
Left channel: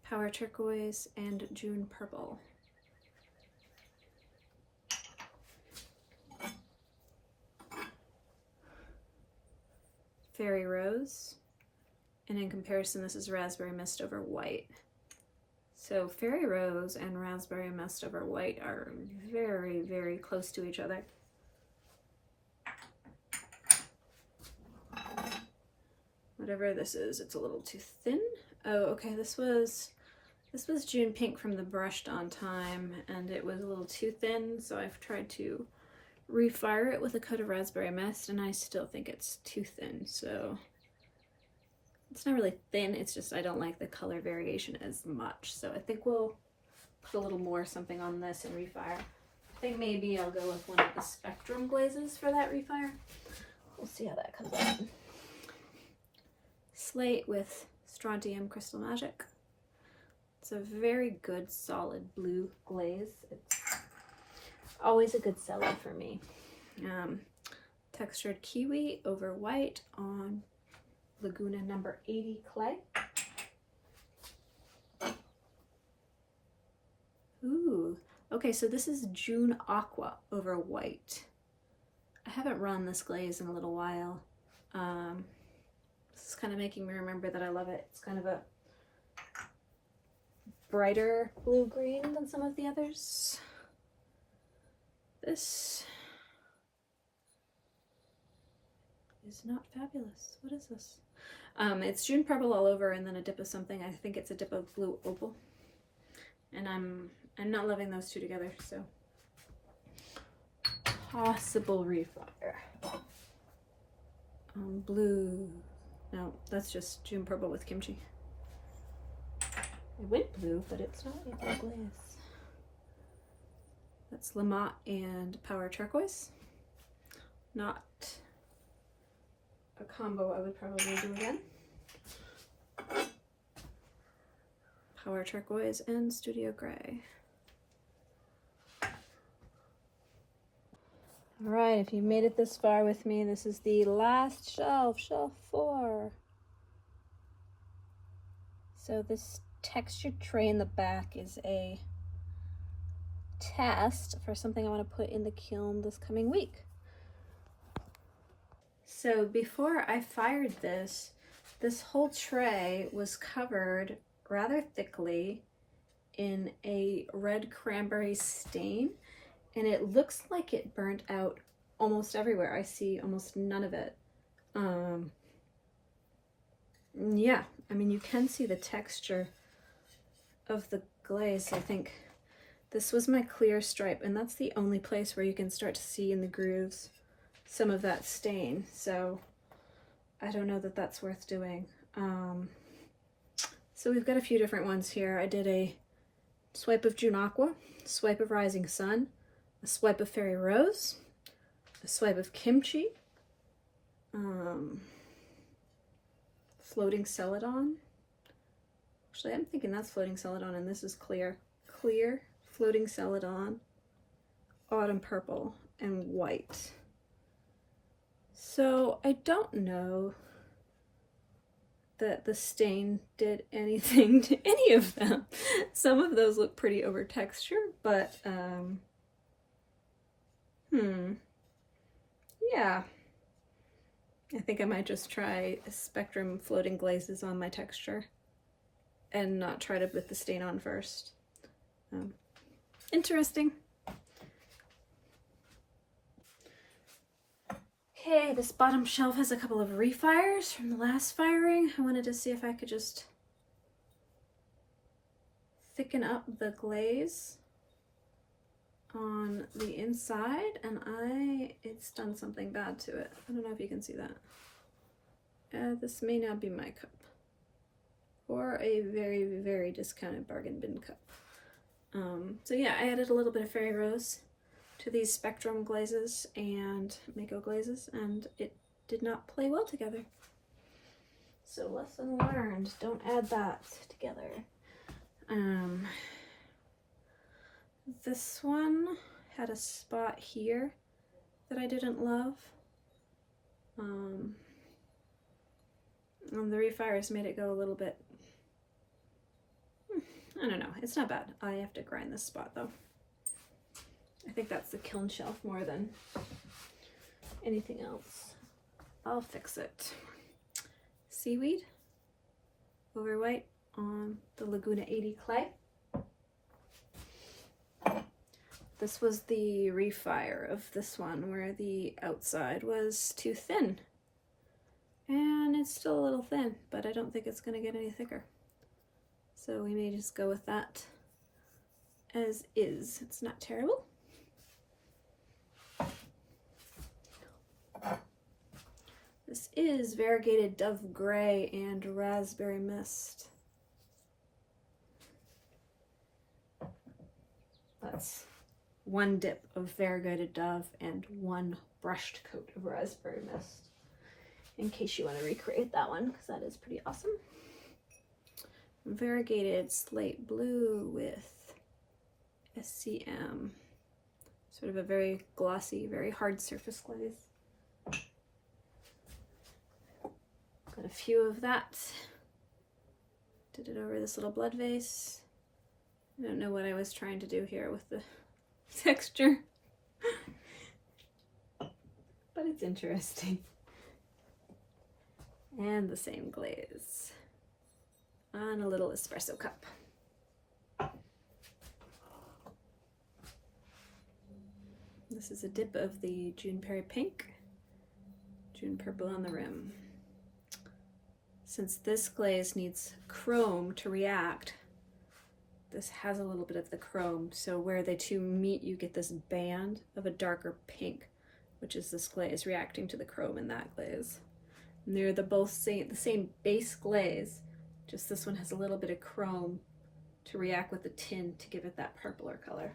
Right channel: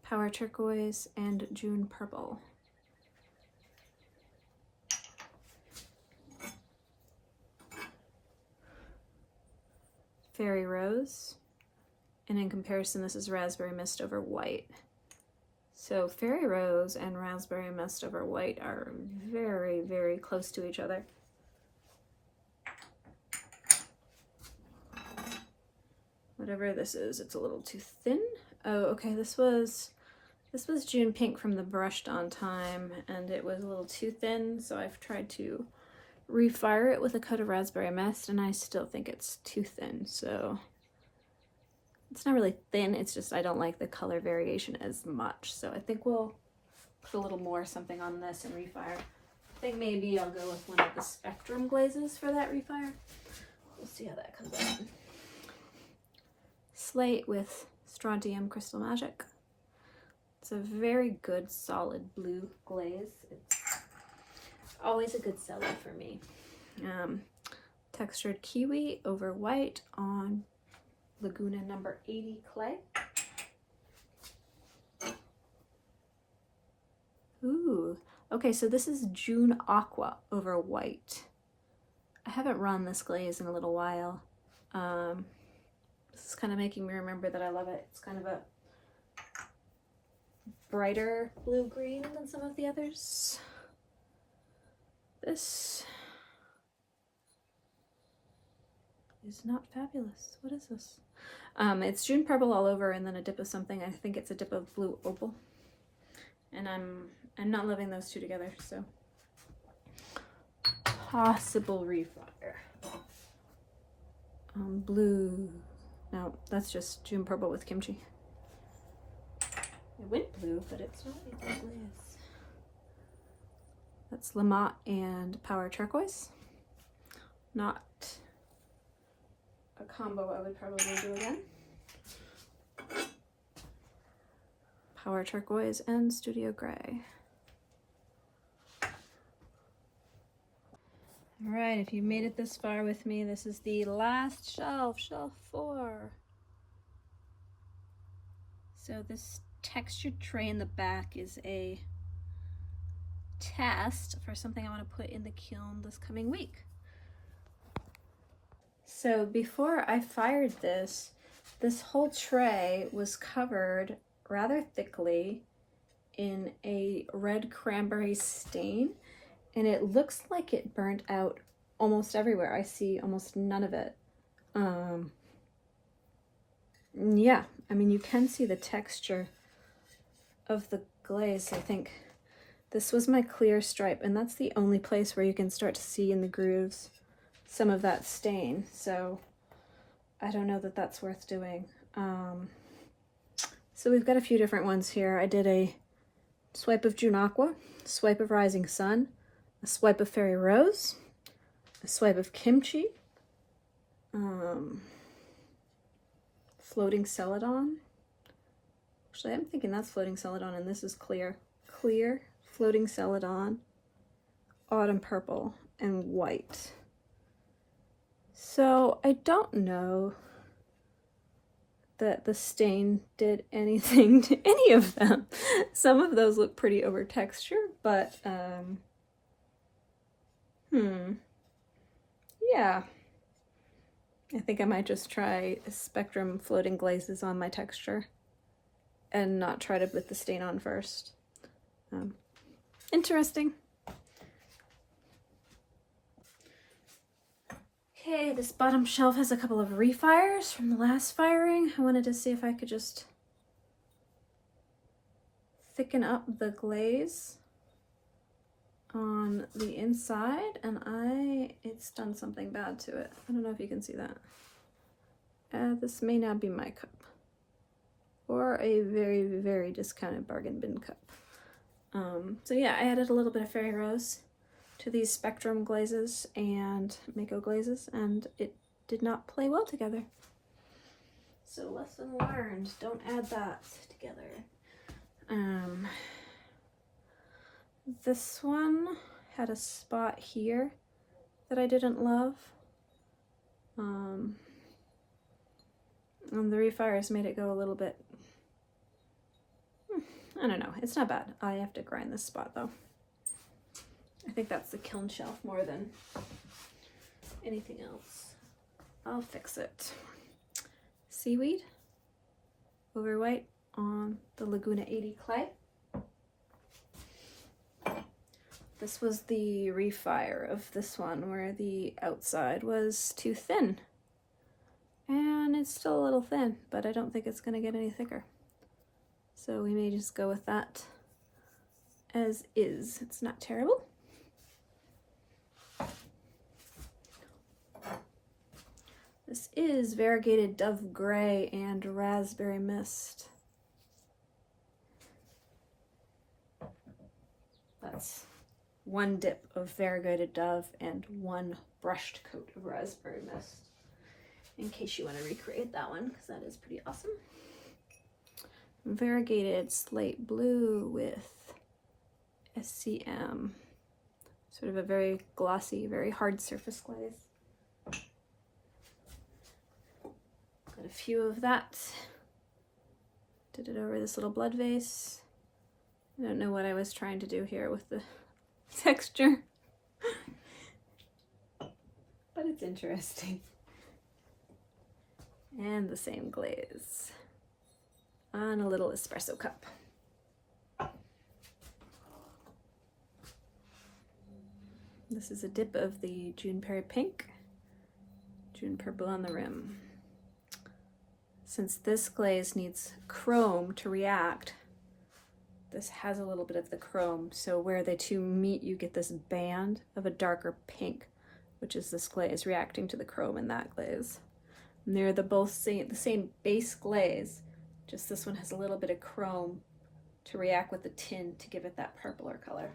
Power turquoise and June purple. Fairy Rose, and in comparison this is Raspberry Mist over white. So Fairy Rose and Raspberry Mist over white are very, very close to each other. Whatever this is, it's a little too thin. Oh, okay, this was June Pink from the Brushed On Time, and it was a little too thin, so I've tried to refire it with a coat of Raspberry Mist, and I still think it's too thin, so it's not really thin, it's just I don't like the color variation as much. So I think we'll put a little more something on this and refire. I think maybe I'll go with one of the Spectrum glazes for that refire. We'll see how that comes out. Slate with Strontium Crystal Magic. It's a very good solid blue glaze. It's always a good seller for me. Textured kiwi over white on Laguna number 80 clay. Ooh, okay, so this is June Aqua over white. I haven't run this glaze in a little while. This is kind of making me remember that I love it. It's kind of a brighter blue-green than some of the others. This is not fabulous. What is this? It's June Purple all over and then a dip of something. I think it's a dip of Blue Opal. And I'm not loving those two together, so possible refire. Blue. No, that's just June Purple with kimchi. It went blue, but it's not a blue glaze. That's Lamont and Power Turquoise. Not a combo I would probably do again. Power Turquoise and Studio Gray. All right, if you made it this far with me, this is the last shelf, shelf 4. So this textured tray in the back is a test for something I want to put in the kiln this coming week. So before I fired this whole tray was covered rather thickly in a red cranberry stain, and it looks like it burnt out almost everywhere. I see almost none of it. Yeah, I mean, you can see the texture of the glaze. I think this was my clear stripe, and that's the only place where you can start to see in the grooves some of that stain. So I don't know that that's worth doing. So we've got a few different ones here. I did a swipe of June Aqua, swipe of Rising Sun, a swipe of Fairy Rose, a swipe of Kimchi, Floating Celadon. Actually, I'm thinking that's Floating Celadon, and this is clear. Clear, Floating Celadon, Autumn Purple, and white. So I don't know that the stain did anything to any of them. Some of those look pretty over textured, but yeah. I think I might just try Spectrum floating glazes on my texture and not try to put the stain on first. Interesting. Okay, this bottom shelf has a couple of refires from the last firing. I wanted to see if I could just thicken up the glaze on the inside, and it's done something bad to it. I don't know if you can see that. This may now be my cup, or a very, very discounted bargain bin cup. So yeah, I added a little bit of Fairy Rose to these Spectrum glazes and Mayco glazes, and it did not play well together. So lesson learned, don't add that together. This one had a spot here that I didn't love. And the refires made it go a little bit, I don't know, it's not bad. I have to grind this spot though. I think that's the kiln shelf more than anything else. I'll fix it. seaweed over white on the Laguna 80 clay. This was the refire of this one where the outside was too thin. And it's still a little thin, but I don't think it's going to get any thicker. So we may just go with that as is. It's not terrible. This is variegated Dove Gray and Raspberry Mist. That's one dip of variegated Dove and one brushed coat of Raspberry Mist, in case you want to recreate that one, because that is pretty awesome. Variegated Slate Blue with SCM, sort of a very glossy, very hard surface glaze. Got a few of that. Did it over this little blood vase. I don't know what I was trying to do here with the texture, but it's interesting. And the same glaze on a little espresso cup. This is a dip of the Juniper Pink, June Purple on the rim. Since this glaze needs chrome to react, this has a little bit of the chrome, so where the two meet, you get this band of a darker pink, which is this glaze reacting to the chrome in that glaze. And they're the same base glaze, just this one has a little bit of chrome to react with the tin to give it that purpler color.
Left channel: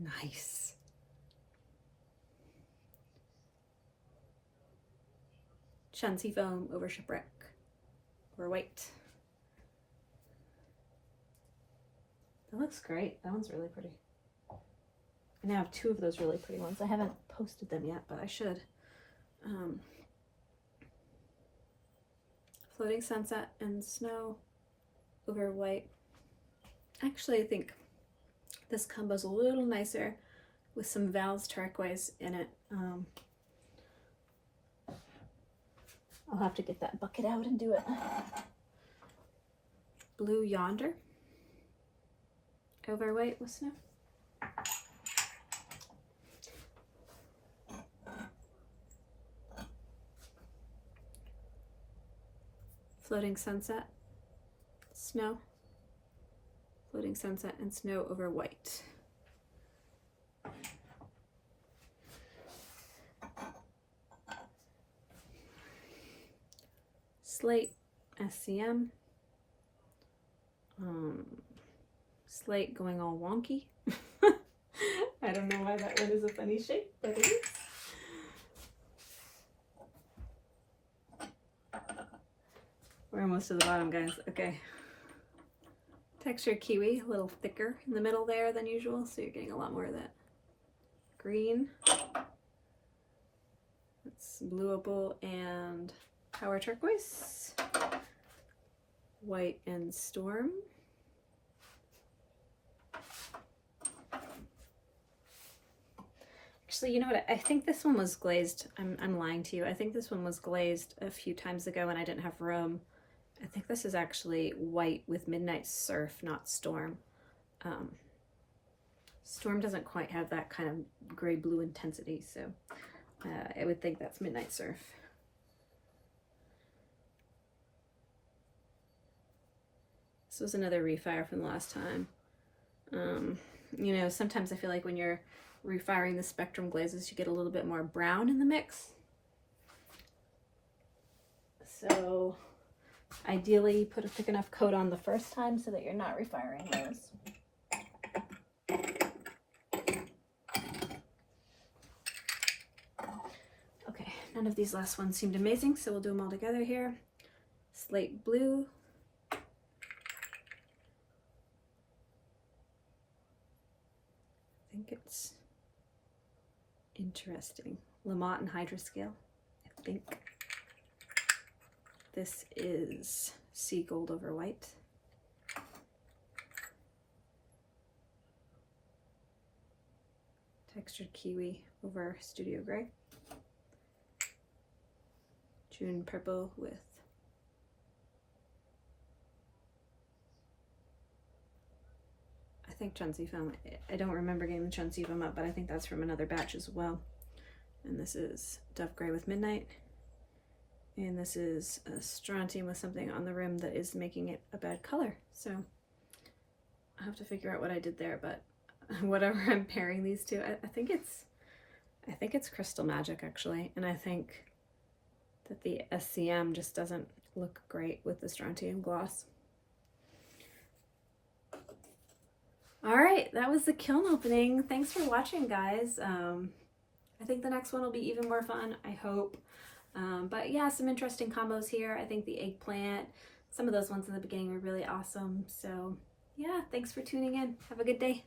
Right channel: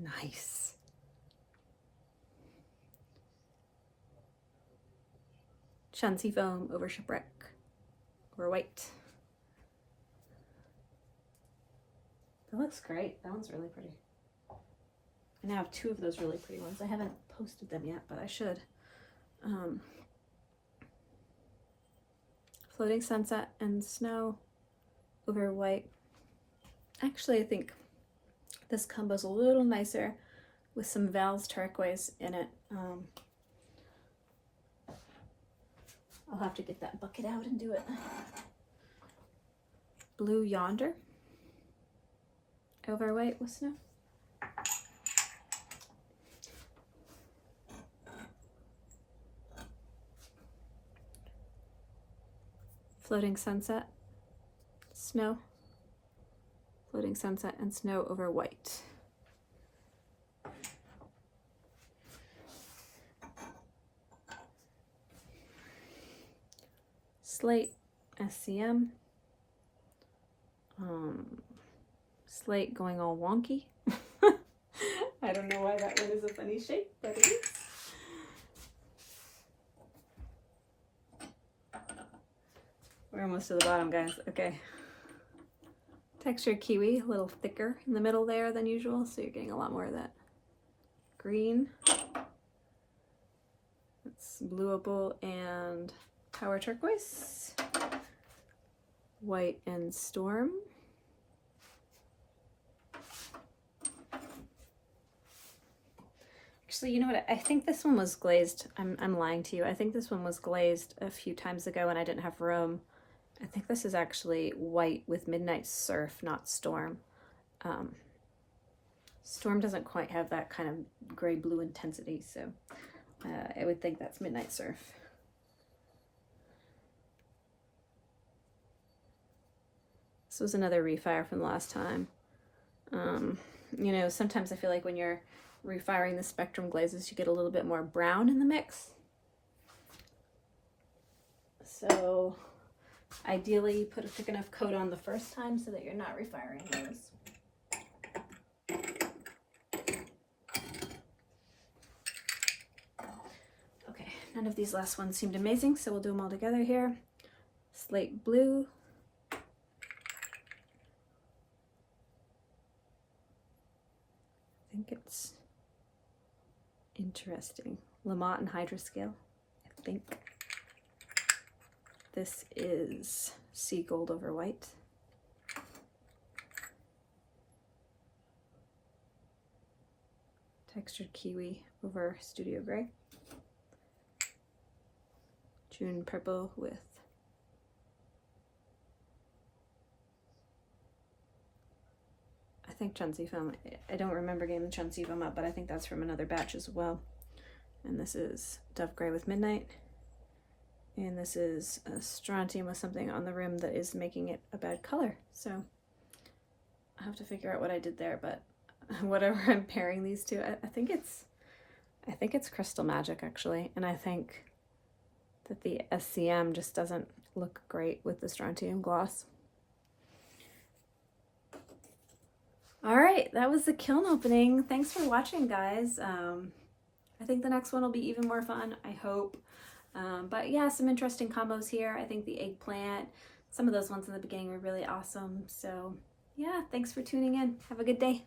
Nice. Shanxi foam over shipwreck. Or white. That looks great. That one's really pretty. I now have two of those really pretty ones. I haven't posted them yet, but I should. Floating Sunset and Snow over white. Actually, I think this combo's a little nicer with some Val's turquoise in it. I'll have to get that bucket out and do it. Blue Yonder over white with snow. Floating Sunset, Snow. Floating Sunset and Snow over white. Slate, SCM. Slate going all wonky. I don't know why that one is a funny shape, but it is. We're almost to the bottom, guys. Okay. Texture kiwi, a little thicker in the middle there than usual, so you're getting a lot more of that green. It's blue opal and power turquoise. White and storm. Actually, you know what? I think this one was glazed. I'm lying to you. I think this one was glazed a few times ago and I didn't have room. I think this is actually white with Midnight Surf, not Storm. Storm doesn't quite have that kind of gray-blue intensity, so I would think that's Midnight Surf. This was another refire from the last time. You know, sometimes I feel like when you're refiring the spectrum glazes, you get a little bit more brown in the mix. So ideally put a thick enough coat on the first time so that you're not refiring those. Okay, none of these last ones seemed amazing, so we'll do them all together here. Slate blue. I think it's interesting. Lamont and Hydroscale, I think. This is sea gold over white. Textured kiwi over studio gray. June purple with I think Chunsi foam. I don't remember getting the Chunsi foam up, but I think that's from another batch as well. And this is Dove Gray with Midnight. And this is a strontium with something on the rim that is making it a bad color. So I have to figure out what I did there, but whatever I'm pairing these two, I think it's Crystal Magic actually. And I think that the SCM just doesn't look great with the strontium gloss. All right, that was the kiln opening. Thanks for watching, guys. I think the next one will be even more fun, I hope. But yeah, some interesting combos here. I think the eggplant, some of those ones in the beginning were really awesome. So yeah, thanks for tuning in. Have a good day.